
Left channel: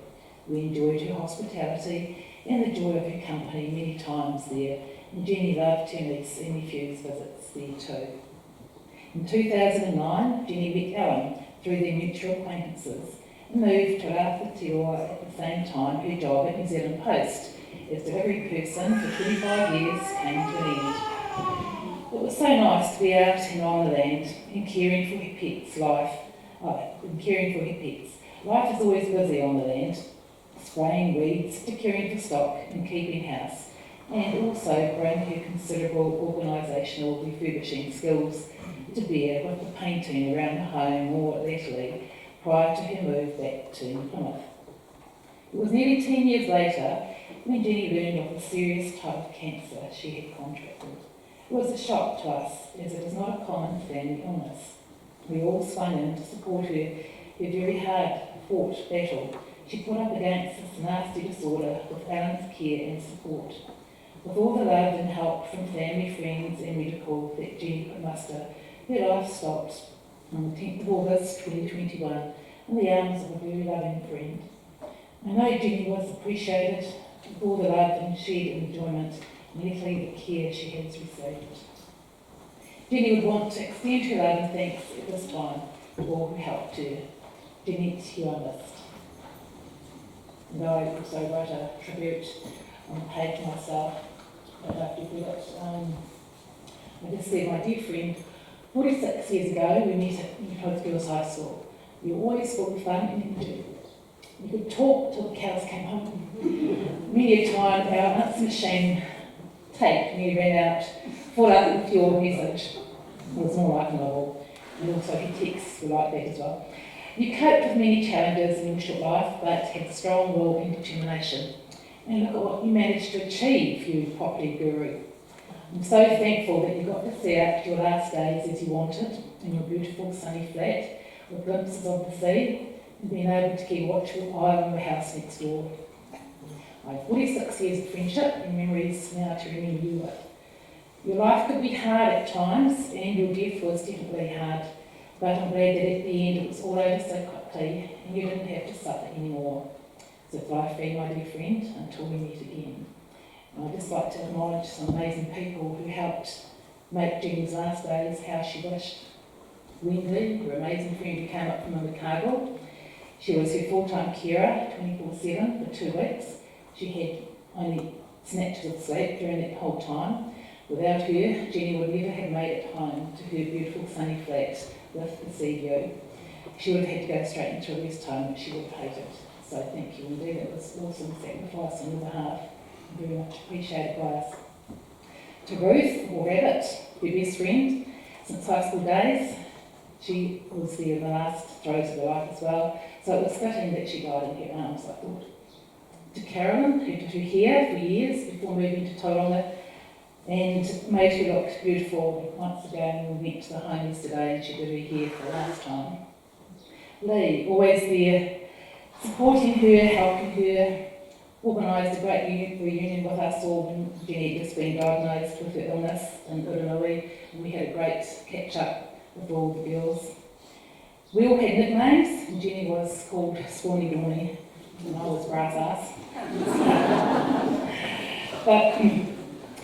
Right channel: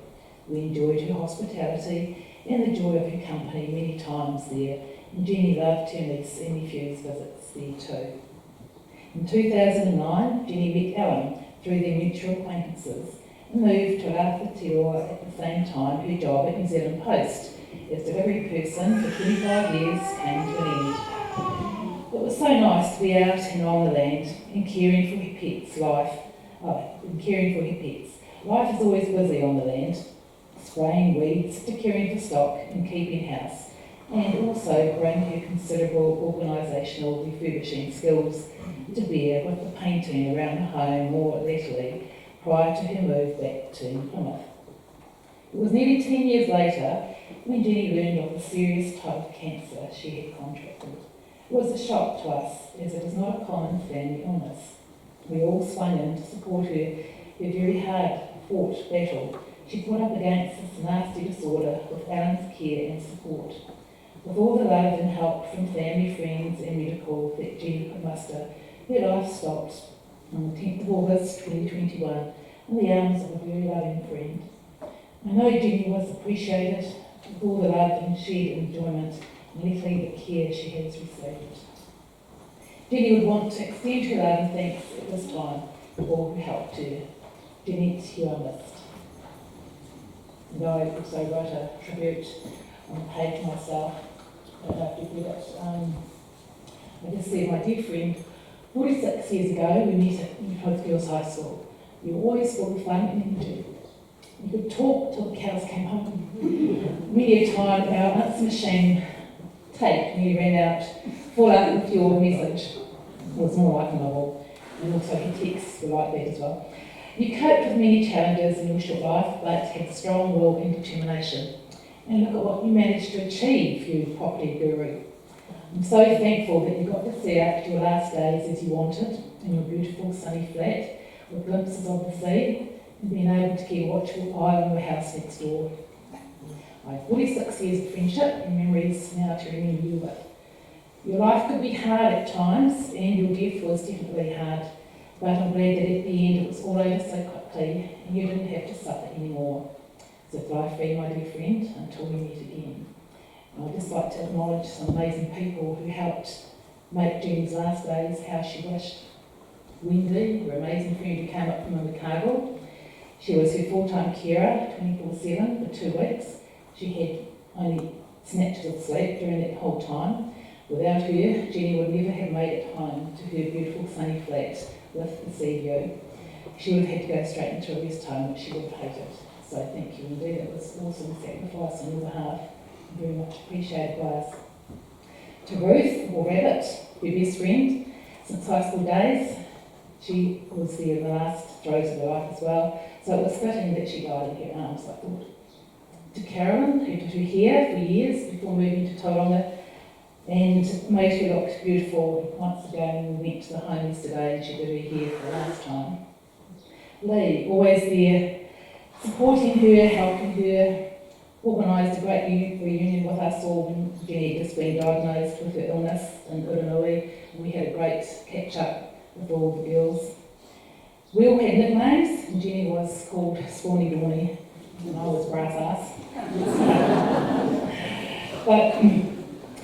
We enjoyed her hospitality and the joy of her company many times there, and Jenny loved her niece and nephew's visits there too. In 2009, Jenny met Alan through their mutual acquaintances and moved to Aotearoa at the same time her job at New Zealand Post as delivery person for 25 years came to an end. It was so nice to be out and on the land and caring for her pets. Life is always busy on the land, spraying weeds to caring for stock and keeping house, and also bring her considerable organisational refurbishing skills to bear with the painting around the home more latterly prior to her move back to Plymouth. It was nearly 10 years later when Jenny learned of the serious type of cancer she had contracted. It was a shock to us, as it is not a common family illness. We all swung in to support her very hard-fought battle. She put up against this nasty disorder with Alan's care and support. With all the love and help from family, friends and medical that Jenny could muster, her life stopped on the 10th of August 2021 in the arms of a very loving friend. I know Jenny was appreciated with all the love and shared enjoyment and literally the care she has received. Jenny would want to extend her love and thanks at this time to all who helped her. Jenny, you are missed. And I also wrote a tribute on the page myself. I don't know if you've read it. I just said, my dear friend, 46 years ago we met at New Plymouth Girls High School. You were always full of fun and energy. You could talk till the cows came home. Many a time our answer machine tape nearly ran out, full up with your message. It was more like a novel, and also your texts were like that as well. You coped with many challenges in your short life, but had strong will and determination. And look at what you managed to achieve, you property guru. I'm so thankful that you got to see out your last days as you wanted in your beautiful sunny flat with glimpses of the sea and being able to keep a watchful eye on your house next door. I have 46 years of friendship and memories now to remember you with. Your life could be hard at times and your death was definitely hard, but I'm glad that at the end it was all over so quickly and you didn't have to suffer anymore. So fly free, my dear friend, until we meet again. And I'd just like to acknowledge some amazing people who helped make Jenny's last days how she wished. Wendy, her amazing friend who came up from Invercargill. She was her full-time carer, 24/7 for 2 weeks. She had only snatches of sleep during that whole time. Without her, Jenny would never have made it home to her beautiful sunny flat with the sea view. She would have had to go straight into a rest home, which she would have hated. So thank you, Wendy. That was an awesome sacrifice on your behalf. Very much appreciated by us. To Ruth, or Rabbit, her best friend since high school days. She was there in the last throes of her life as well, so it was fitting that she died in her arms, I thought. To Carolyn, who did her hair for years before moving to Tauranga and made her look beautiful once again. We went to the home yesterday and she did her hair for the last time. Lee, always there, supporting her, helping her, organised a great reunion with us all when Jenny had just been diagnosed with her illness in Uranui, and we had a great catch-up with all the girls. We all had nicknames, and Jenny was called Spawny Dawny, and I was Brass Ass. But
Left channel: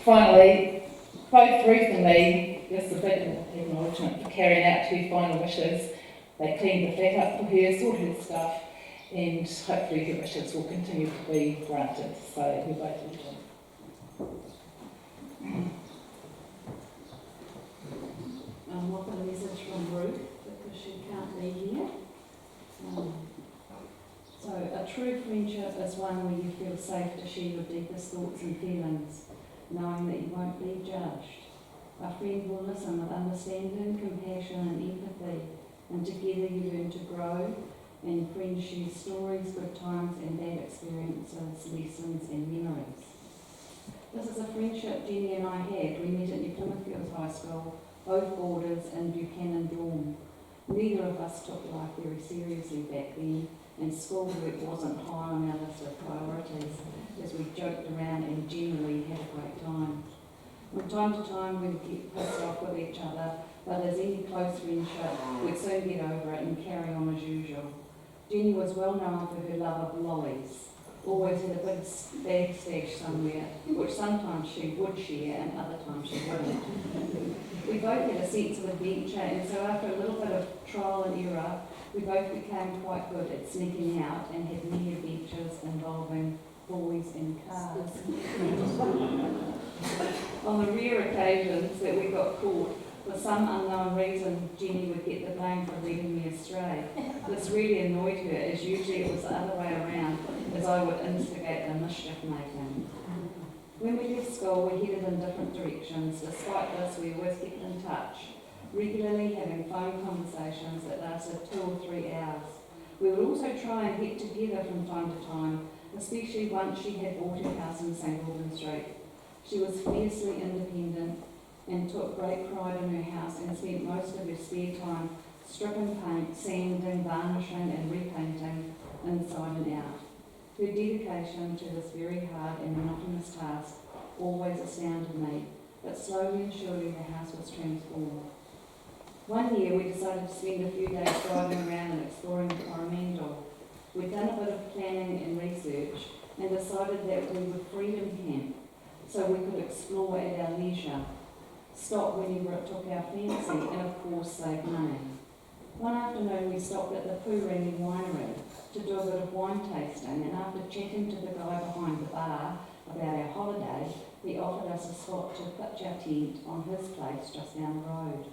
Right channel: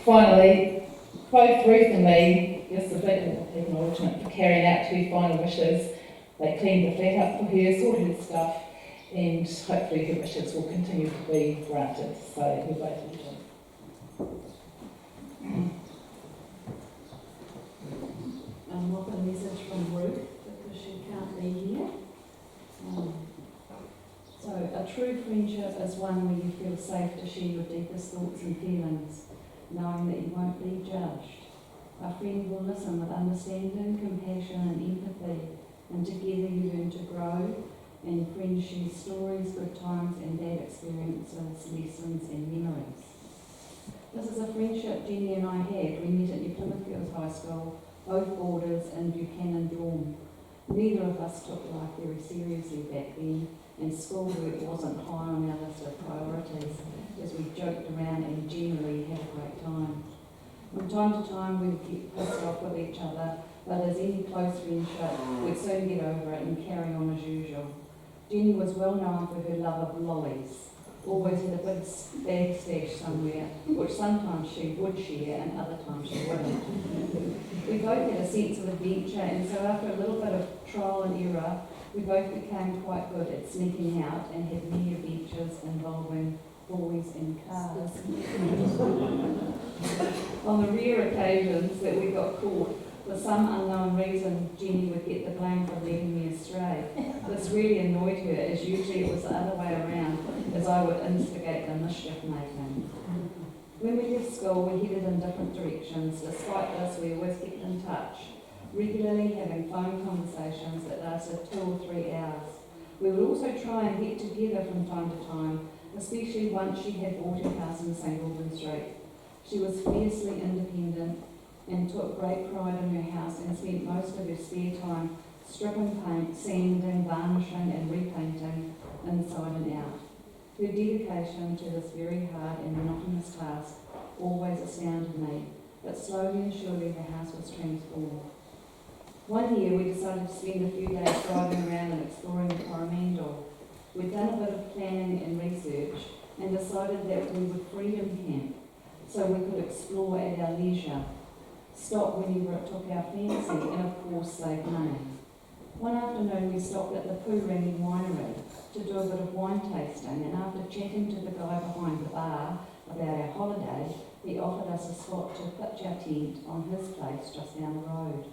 finally, both Ruth and me, just a bit of acknowledgement for carrying out her final wishes. They cleaned the flat up for her, sorted her stuff, and hopefully her wishes will continue to be granted. So we're both welcome. I've got a message from Ruth because she can't be here. So a true friendship is one where you feel safe to share your deepest thoughts and feelings, knowing that you won't be judged. A friend will listen with understanding, compassion and empathy, and together you learn to grow, and friends share stories, good times and bad experiences, lessons and memories. This is a friendship Jenny and I had. We met at New Plymouth Girls High School, both boarders in Buchanan dorm. Neither of us took life very seriously back then, and schoolwork wasn't high on our list of priorities, as we joked around and generally had a great time. From time to time we'd get pissed off with each other, but as any close friendship, we'd soon get over it and carry on as usual. Jenny was well known for her love of lollies, always had a big bag stash somewhere, which sometimes she would share and other times she wouldn't. We both had a sense of adventure, and so after a little bit of trial and error, we both became quite good at sneaking out and had many adventures involving boys and cars. On the rare occasions that we got caught, for some unknown reason, Jenny would get the blame for leading me astray. This really annoyed her, as usually it was the other way around, as I would instigate the mischief making. When we left school, we headed in different directions. Despite this, we always kept in touch, regularly having phone conversations that lasted 2 or 3 hours. We would also try and get together from time to time, especially once she had bought her house in St Albans Street. She was fiercely independent and took great pride in her house and spent most of her spare time stripping paint, sanding, varnishing and repainting inside and out. Her dedication to this very hard and monotonous task always astounded me, but slowly and surely the house was transformed. One year we decided to spend a few days driving around and exploring the Coromandel. We'd done a bit of planning and research and decided that we would freedom camp so we could explore at our leisure, stop whenever it took our fancy and of course save money. One afternoon we stopped at the Poorangi winery to do a bit of wine tasting, and after chatting to the guy behind the bar about our holiday, he offered us a spot to pitch our tent on his place just down the road.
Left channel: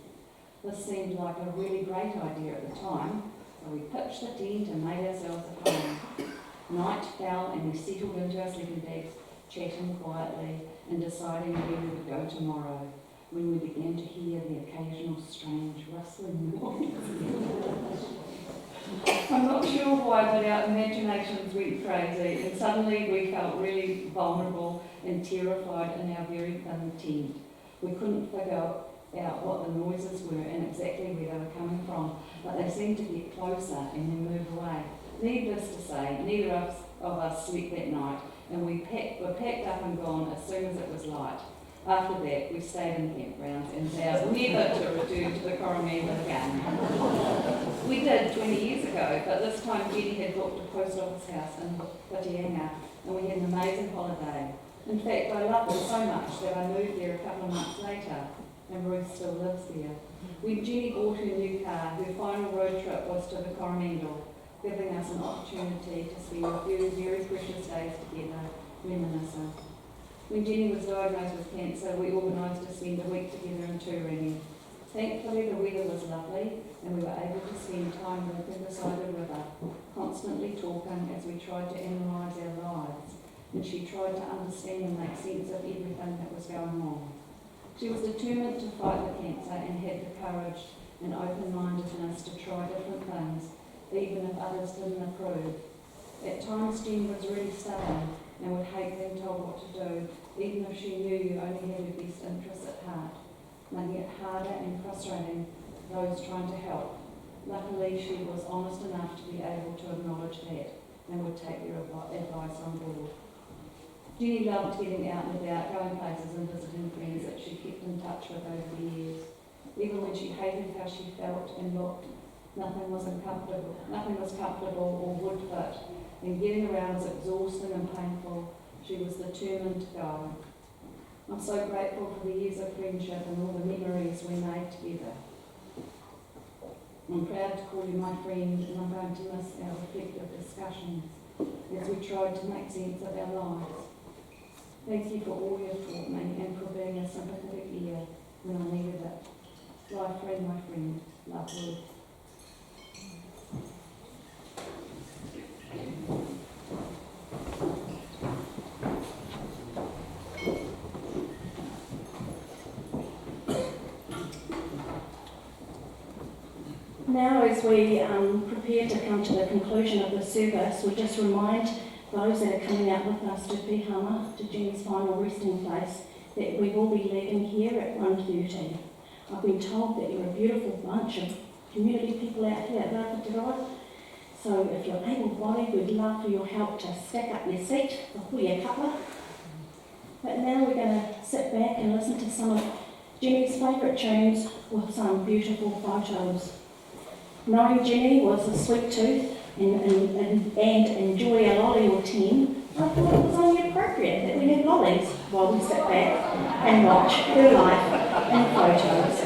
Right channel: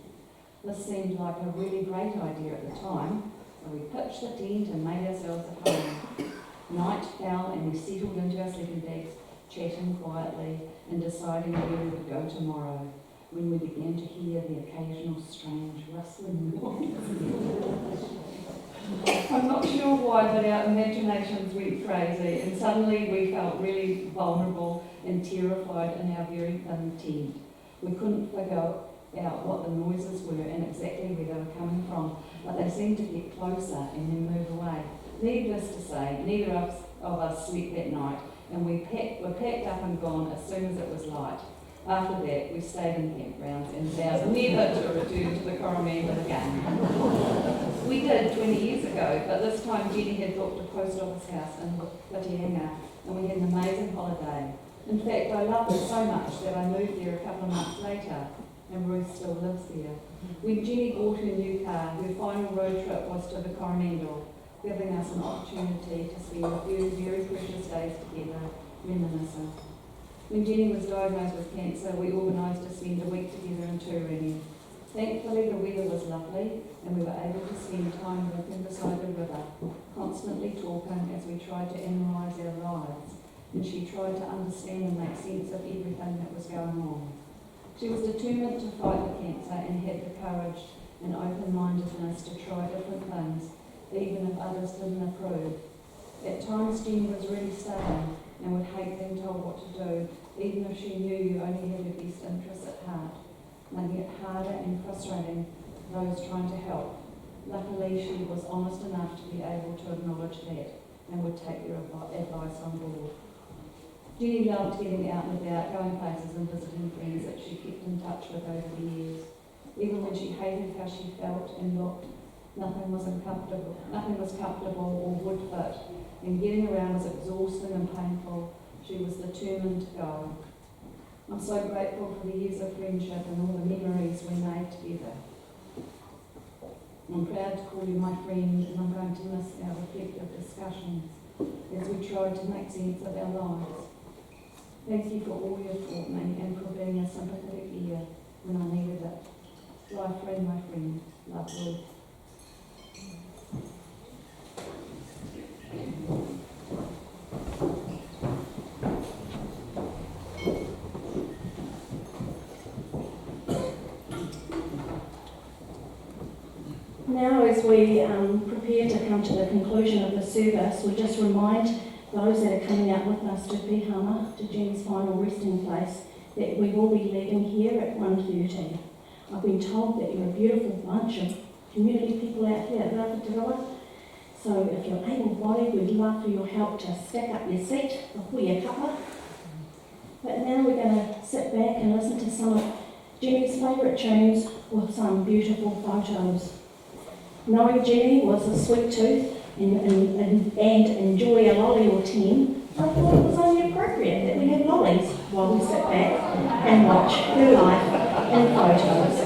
This seemed like a really great idea at the time, so we pitched the tent and made ourselves at home. Night fell and we settled into our sleeping bags, chatting quietly and deciding where we would go tomorrow, when we began to hear the occasional strange rustling noise. I'm not sure why, but our imaginations went crazy, and suddenly we felt really vulnerable and terrified in our very thin tent. We couldn't figure out what the noises were and exactly where they were coming from, but they seemed to get closer and then move away. Needless to say, neither of us slept that night, and we were packed up and gone as soon as it was light. After that, we stayed in campgrounds and vowed never to return to the Coromandel again. We did 20 years ago, but this time Jenny had booked a post office house in Whitianga, and we had an amazing holiday. In fact, I loved it so much that I moved there a couple of months later, and Ruth still lives there. When Jenny bought her new car, her final road trip was to the Coromandel, giving us an opportunity to spend a few very precious days together, reminiscing. When Jenny was diagnosed with cancer, we organised to spend a week together in Turangi. Thankfully, the weather was lovely, and we were able to spend time walking beside the river, constantly talking as we tried to analyse our lives, and she tried to understand and make sense of everything that was going on. She was determined to fight the cancer and had the courage and open-mindedness to try different things, even if others didn't approve. At times, Jenny was really stubborn and would hate being told what to do, even if she knew you only had your best interests at heart, making it harder and frustrating for those trying to help. Luckily, she was honest enough to be able to acknowledge that and would take your advice on board. Jenny loved getting out and about, going places and visiting friends that she kept in touch with over the years. Even when she hated how she felt and looked, nothing was comfortable or would fit, and getting around was exhausting and painful. She was determined to go. I'm so grateful for the years of friendship and all the memories we made together. I'm proud to call you my friend, and I'm going to miss our effective discussions as we tried to make sense of our lives. Thank you for all you've taught me and for being a sympathetic ear when I needed it. Life friend, my friend. Love, Ruth. Now, as we prepare to come to the conclusion of the service, we just remind those that are coming out with us to Pihama, to Jenny's final resting place, that we will be leaving here at 1:30. I've been told that you're a beautiful bunch of community people out here at Rāwhatiroa. So if you're able-bodied, we'd love for your help to stack up your seat before your cuppa. But now we're going to sit back and listen to some of Jenny's favourite tunes with some beautiful photos. Knowing Jenny was a sweet tooth and enjoy a lolly or 10, I thought it was only appropriate that we have lollies while we sit back and watch her life in photos.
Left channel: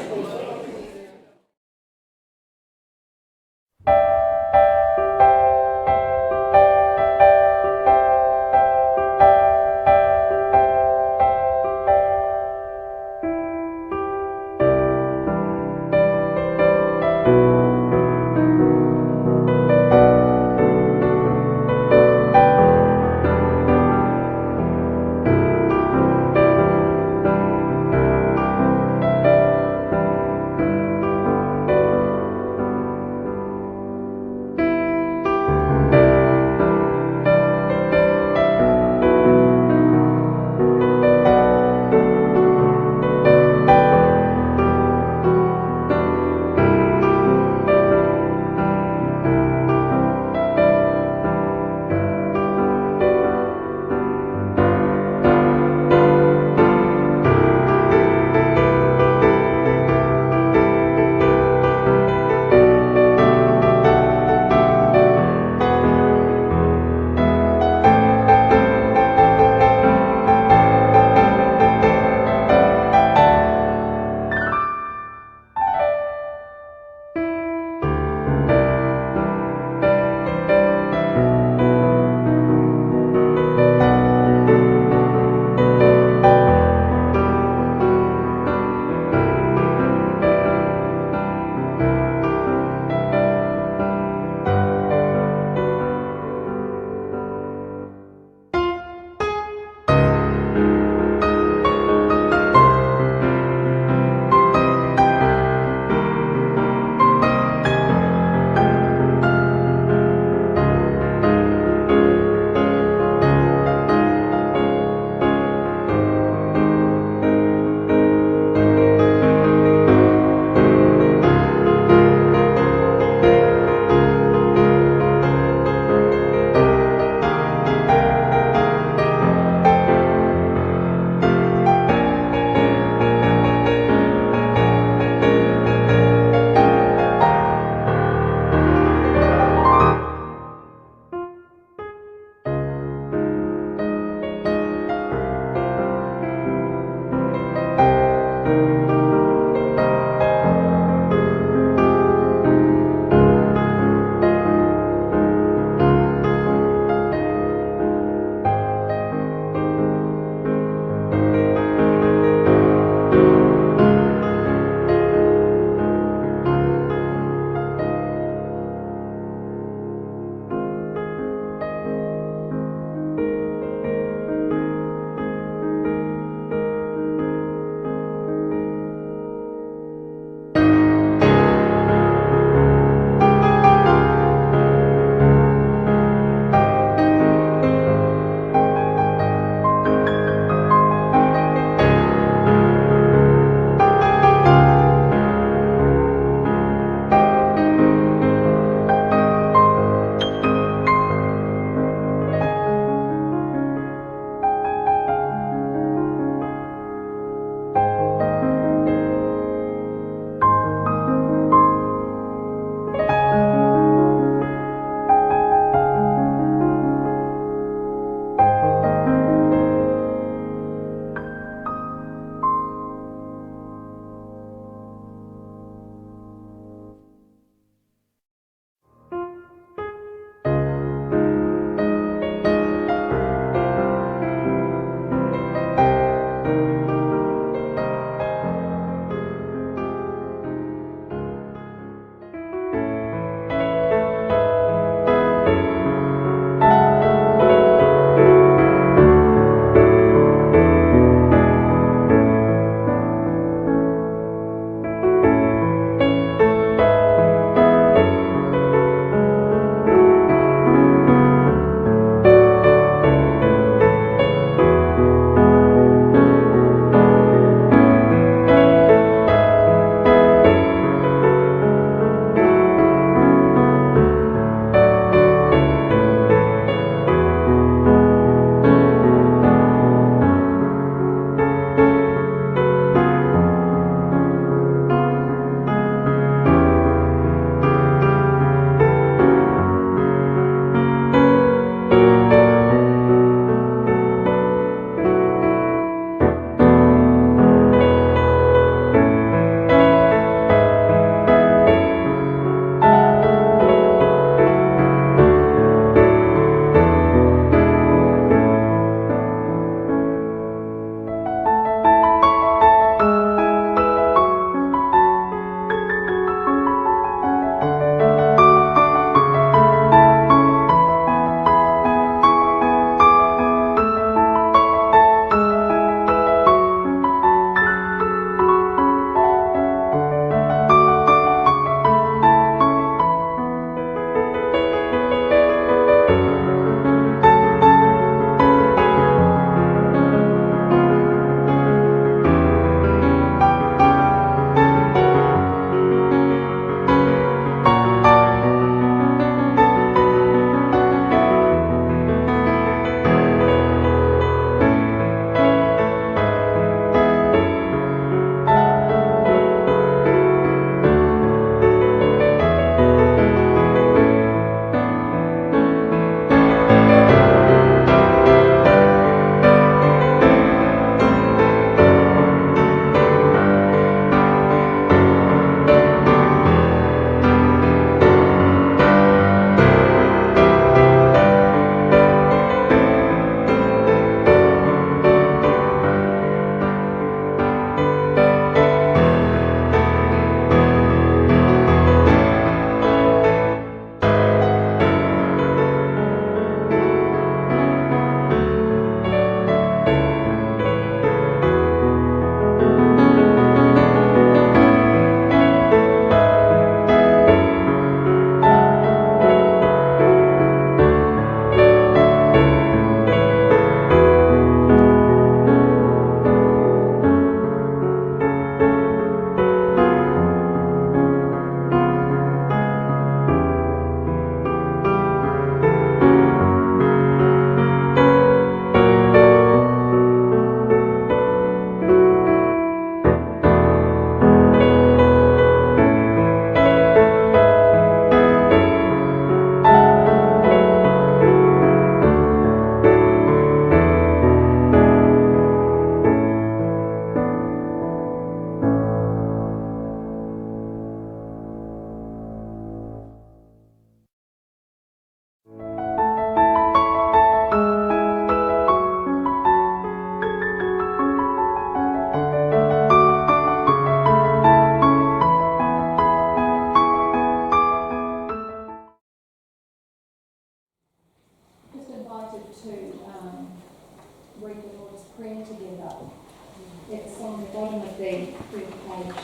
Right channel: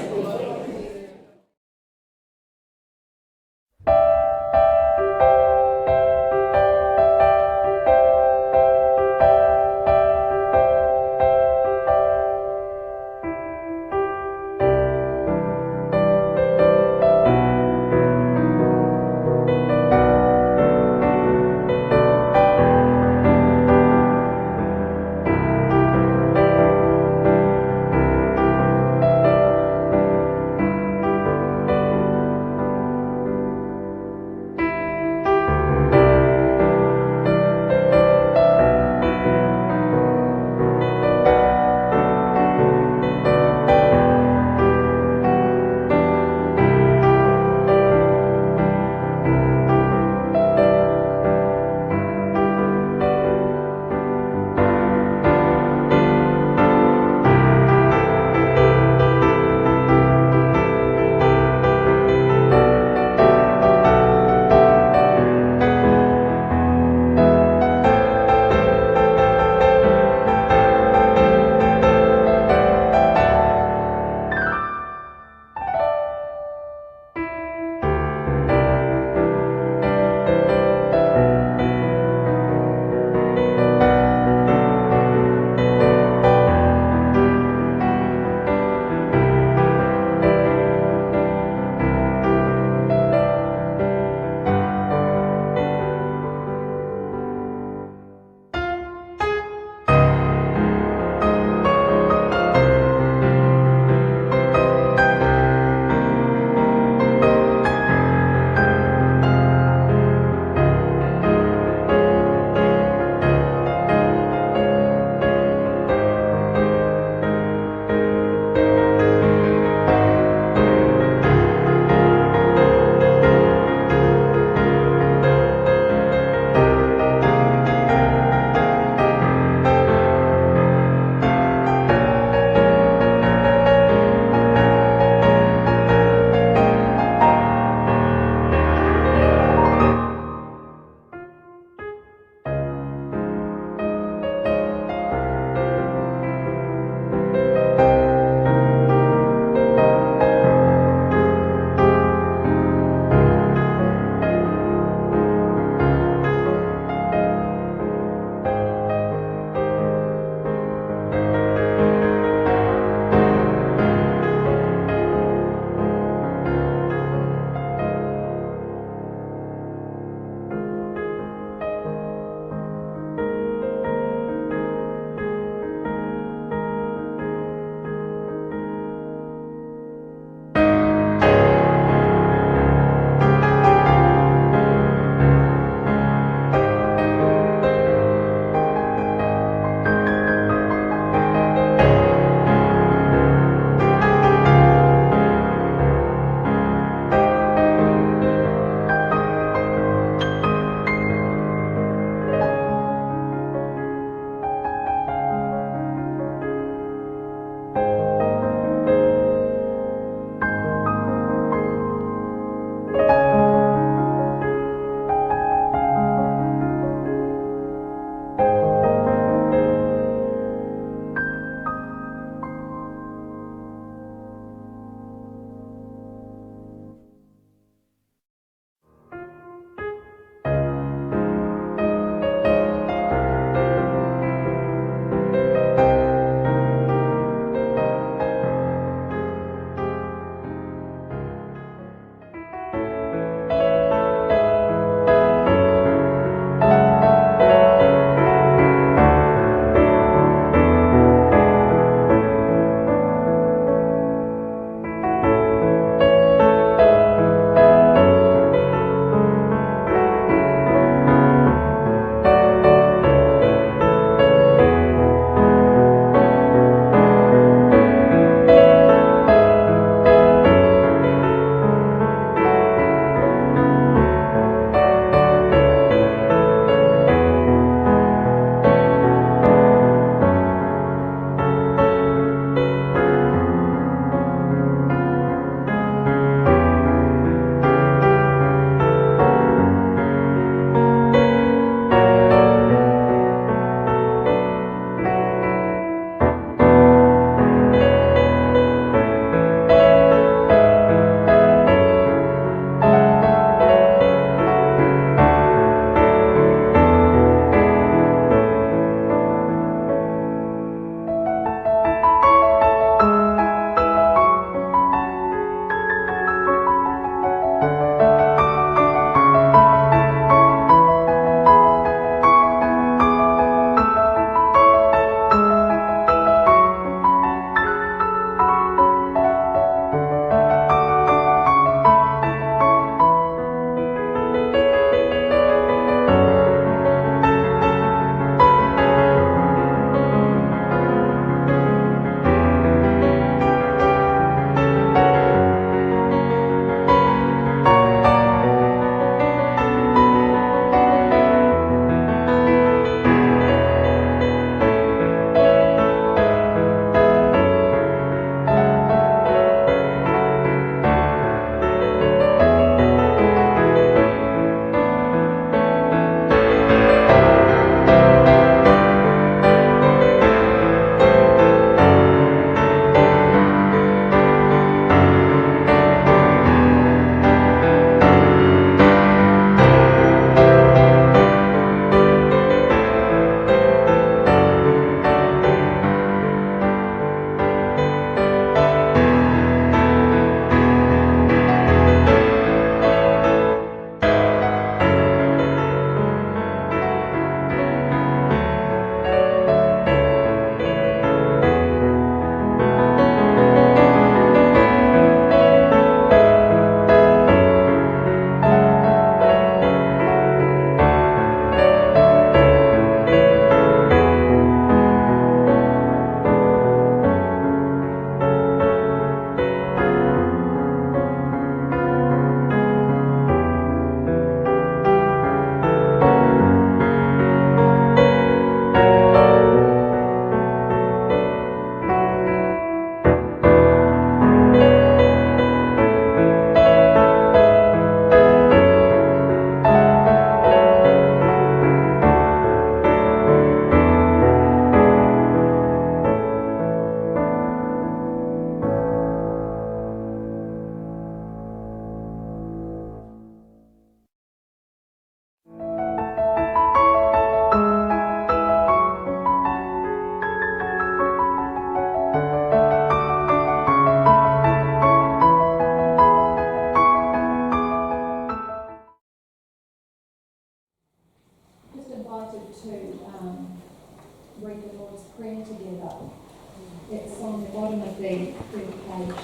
bottom of the page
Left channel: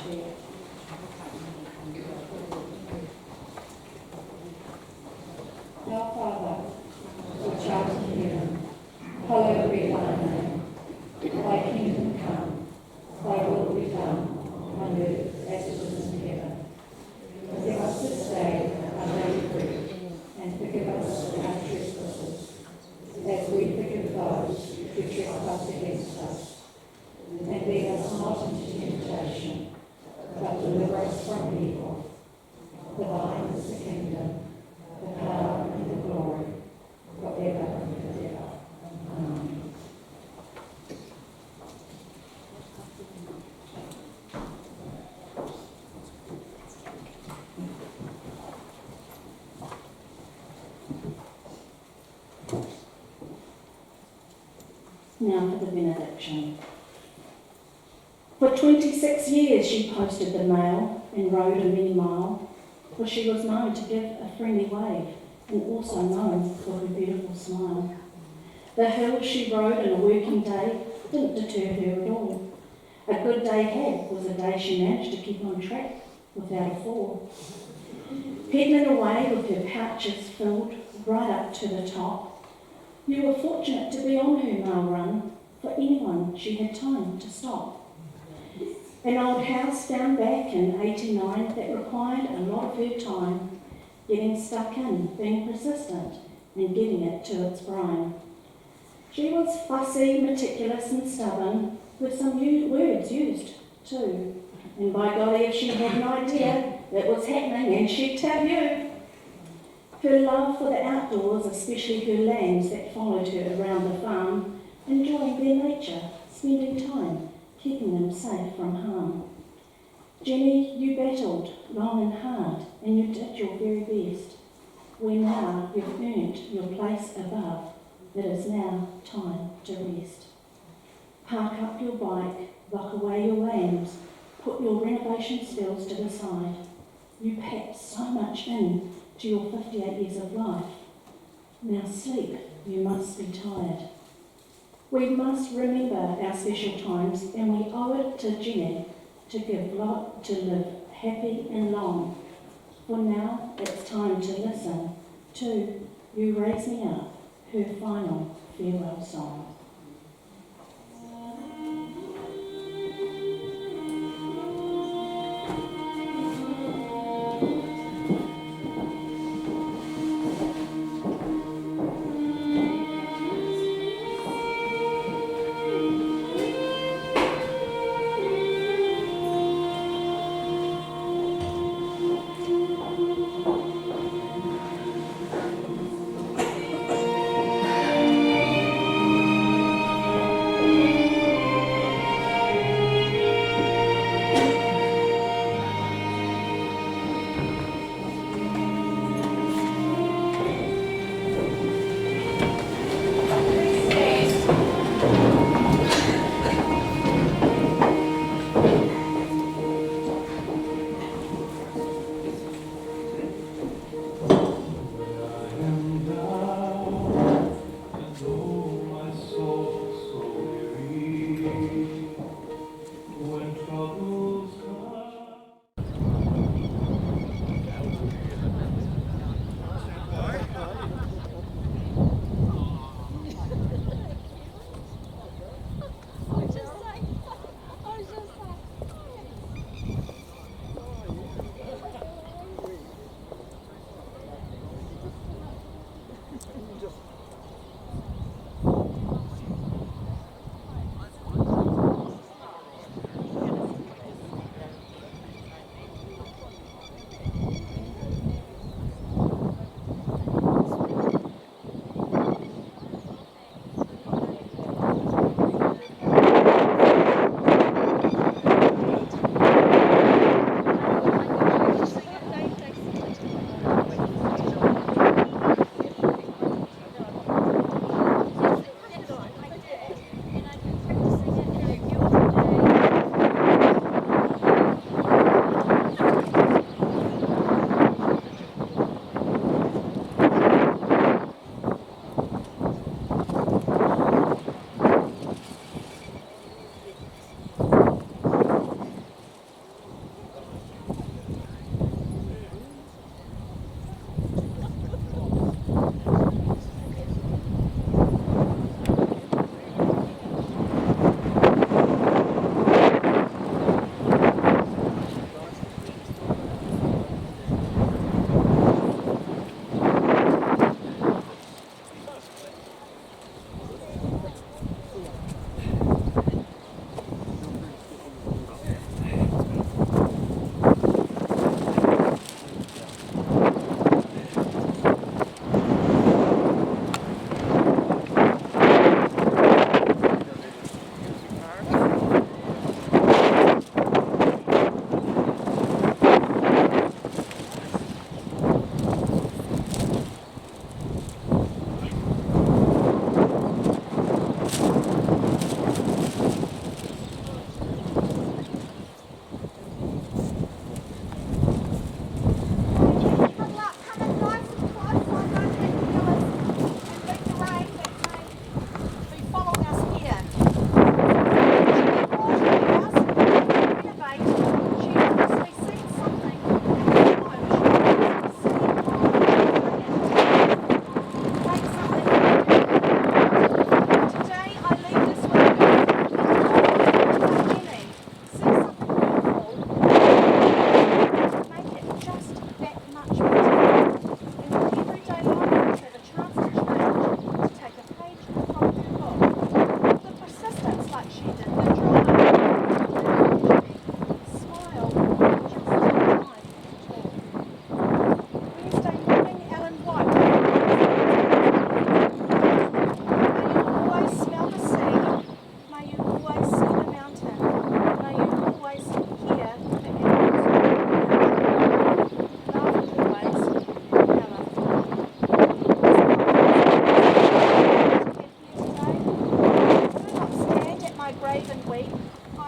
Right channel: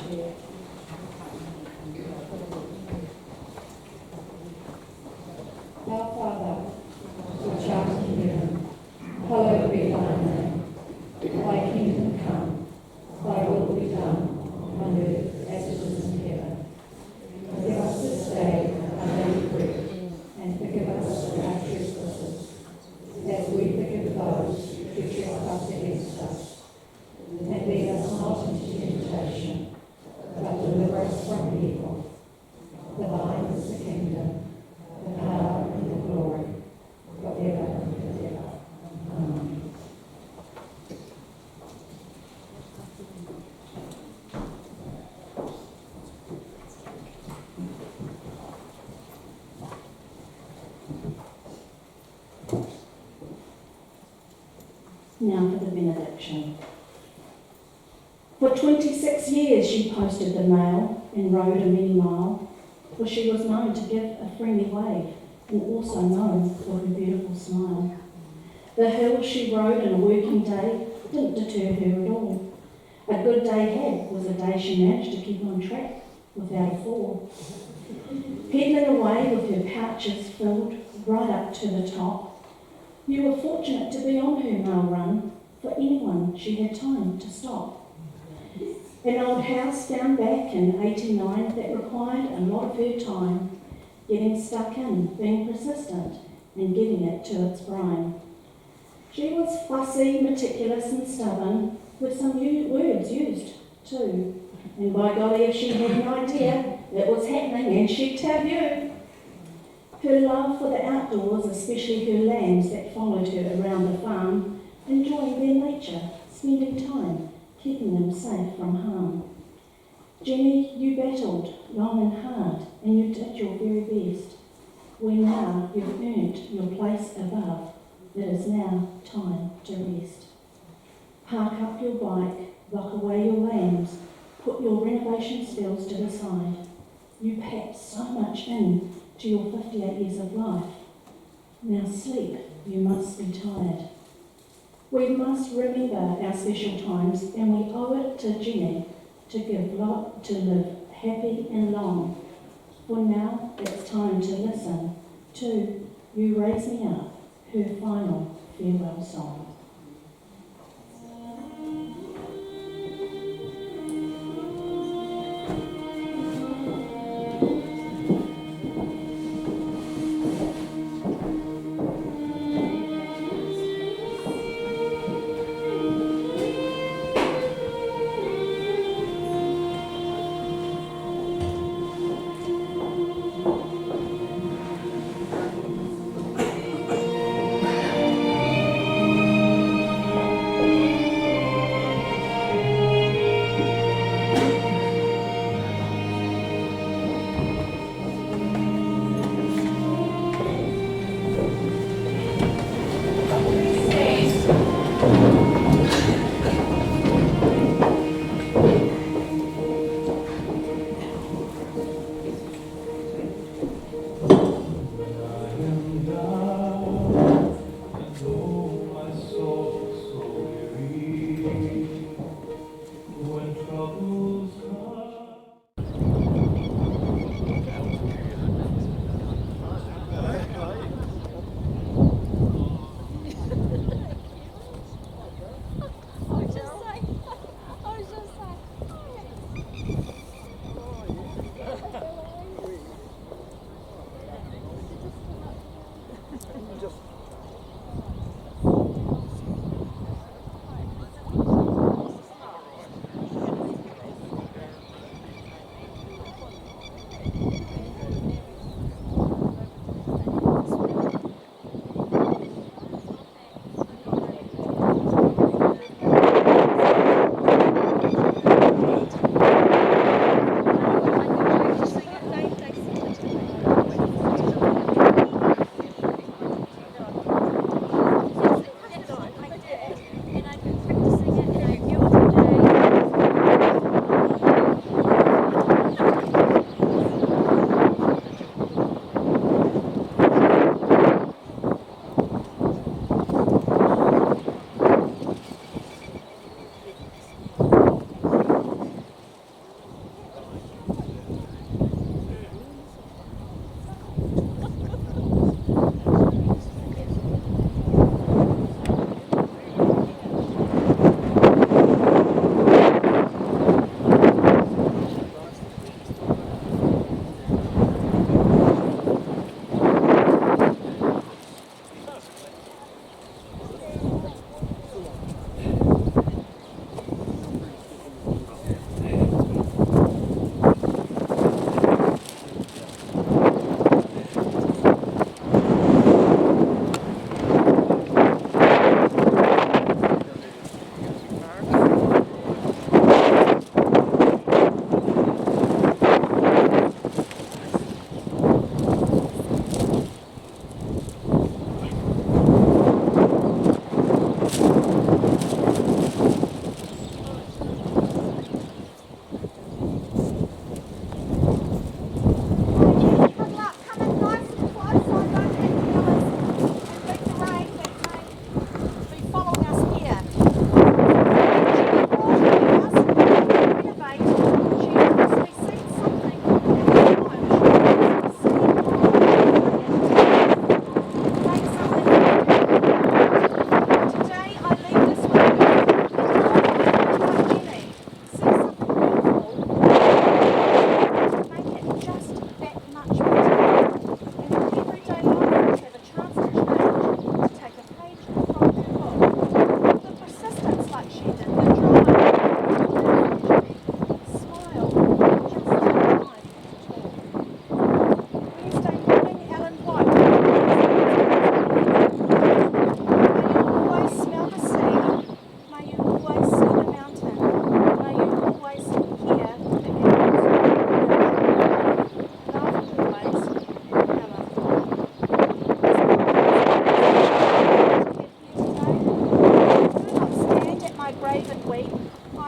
there. Our Father, which art in heaven, hallowed be thy name. Thy kingdom come, thy will be done, on earth as it is in heaven. Give us this day our daily bread, and forgive us our trespasses, as we forgive those who trespass against us. And lead us not into temptation, but deliver us from evil. For thine is the kingdom, the power, and the glory, forever and ever. Amen. Now for the benediction. For 26 years she posted the mail and rode a many mile, for she was known to give a friendly wave and also known for her beautiful smile. The hills she rode in a working day didn't deter her at all. A good day had was a day she managed to keep on track without a fall. Peddling away with her pouches filled right up to the top, you were fortunate to be on her mail run for anyone she had time to stop. An old house down back in 89 that required a lot of her time, getting stuck in, being persistent, and getting it to its brine. She was fussy, meticulous and stubborn, with some words used too. And by golly, if she had an idea it was happening, and she'd tell you. Her love for the outdoors, especially her lambs that followed her around the farm, enjoying their nature, spending time, keeping them safe from harm. Jenny, you battled long and hard, and you did your very best. Where now you've earned your place above, it is now time to rest. Park up your bike, lock away your lambs, put your renovation skills to the side. You packed so much in to your 58 years of life. Now sleep, you must be tired. We must remember our special times, and we owe it to Jenny to live happy and long. For now, it's time to listen to You Raise Me Up, her final farewell song.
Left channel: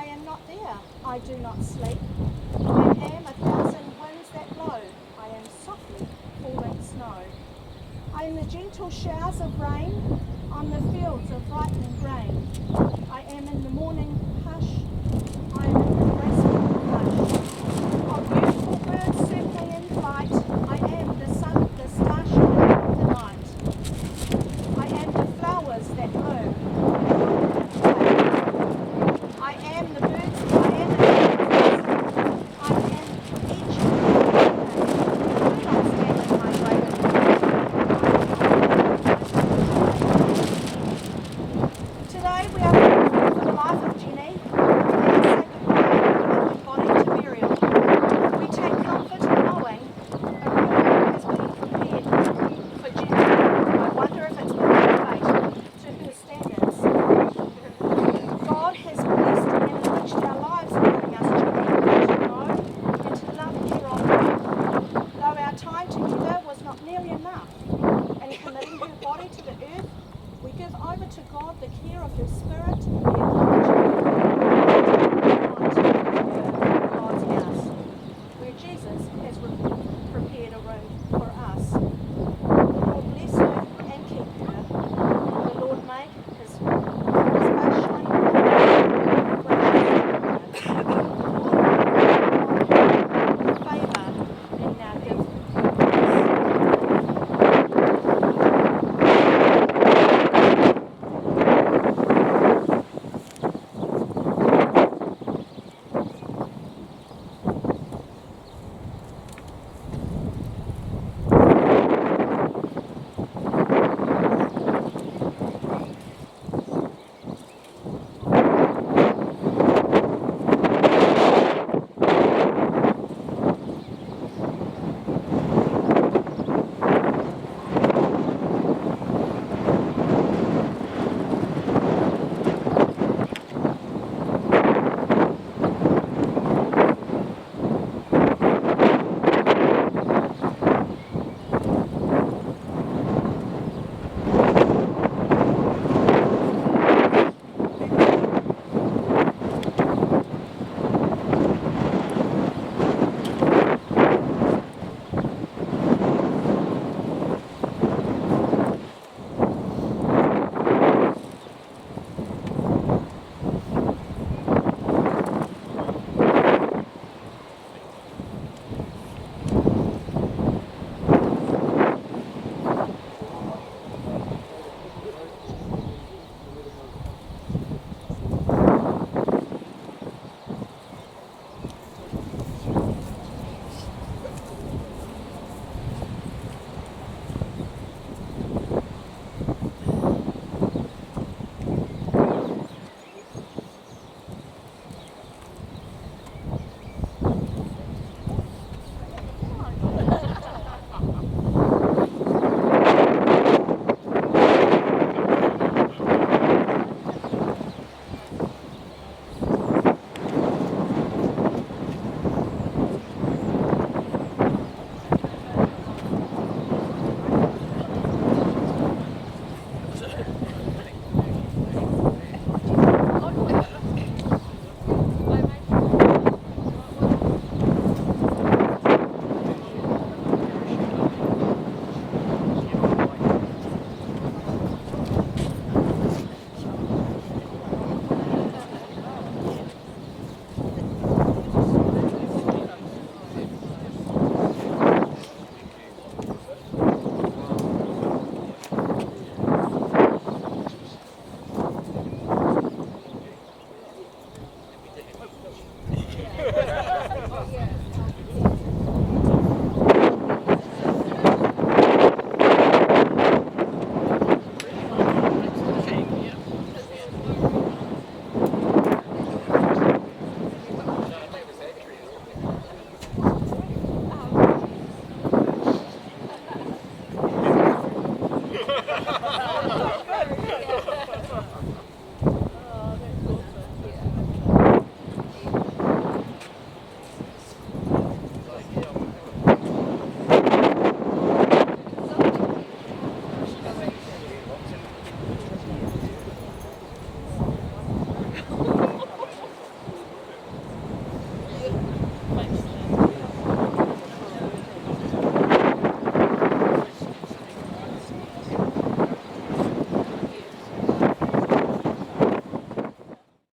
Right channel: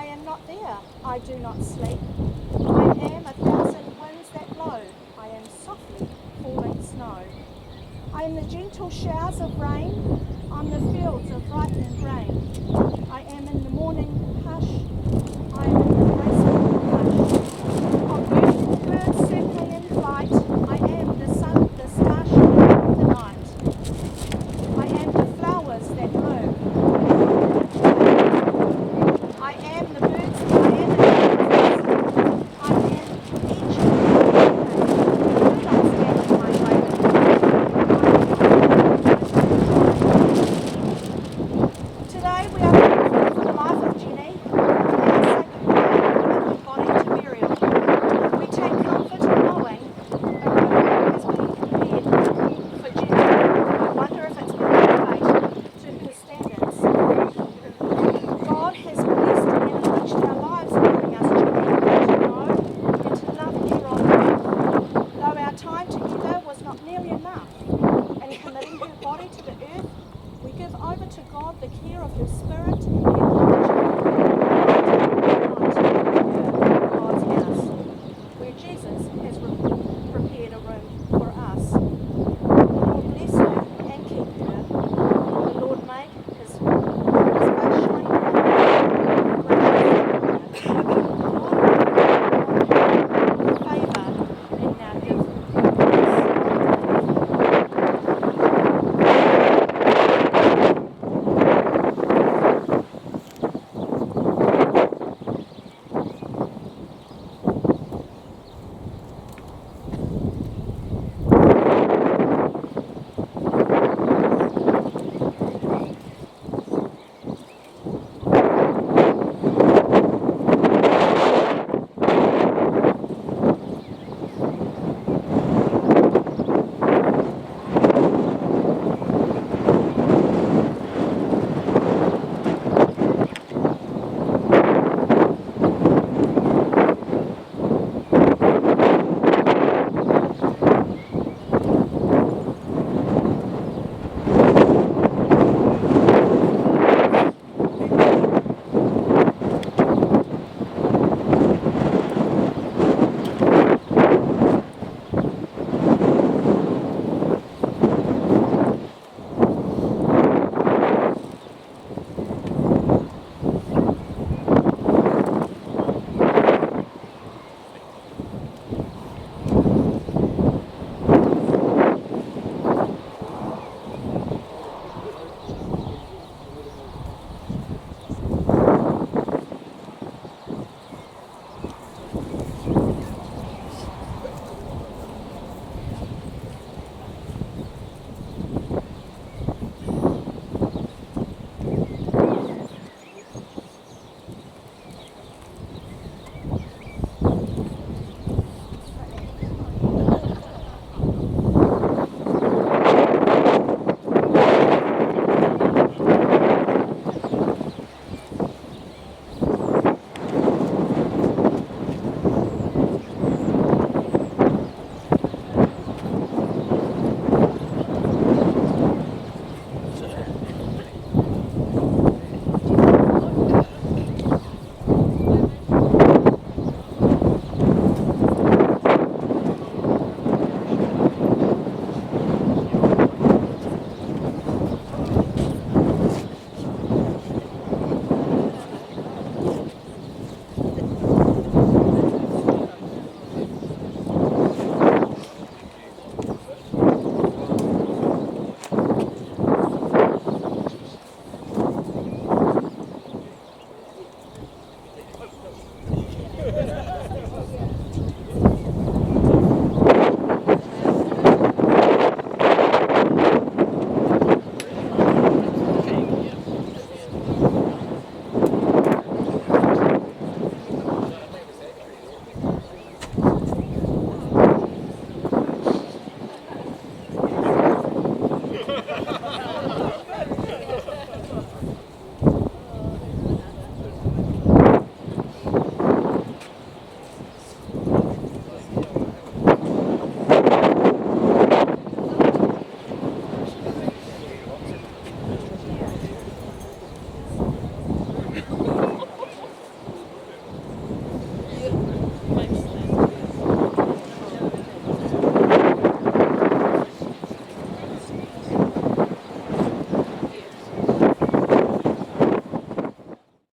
I am not there. I do not sleep. I am 1,000 winds that blow. I am softly falling snow. I am the gentle showers of rain on the fields of ripening grain. I am in the morning hush. I am in the graceful hush of beautiful birds circling in flight. I am the sun, the starshine of the night. I am the flowers that bloom. I am the birds. I am the birds. I am each and every thing. Do not stand in my way. Today we are thankful for the life of Jenny and say goodbye with body to burial. We take comfort in knowing a room has been prepared for Jenny. I wonder if it's been elevated to her standards. God has blessed and enriched our lives in giving us Jenny to know and to love here on earth. Though our time together was not nearly enough, in committing her body to the earth, we give over to God the care of her spirit and we acknowledge her God's house, where Jesus has prepared a room for us. The Lord bless her and keep her. The Lord make his face shine upon her and gracious to her. The Lord upon her with favour and now give her peace.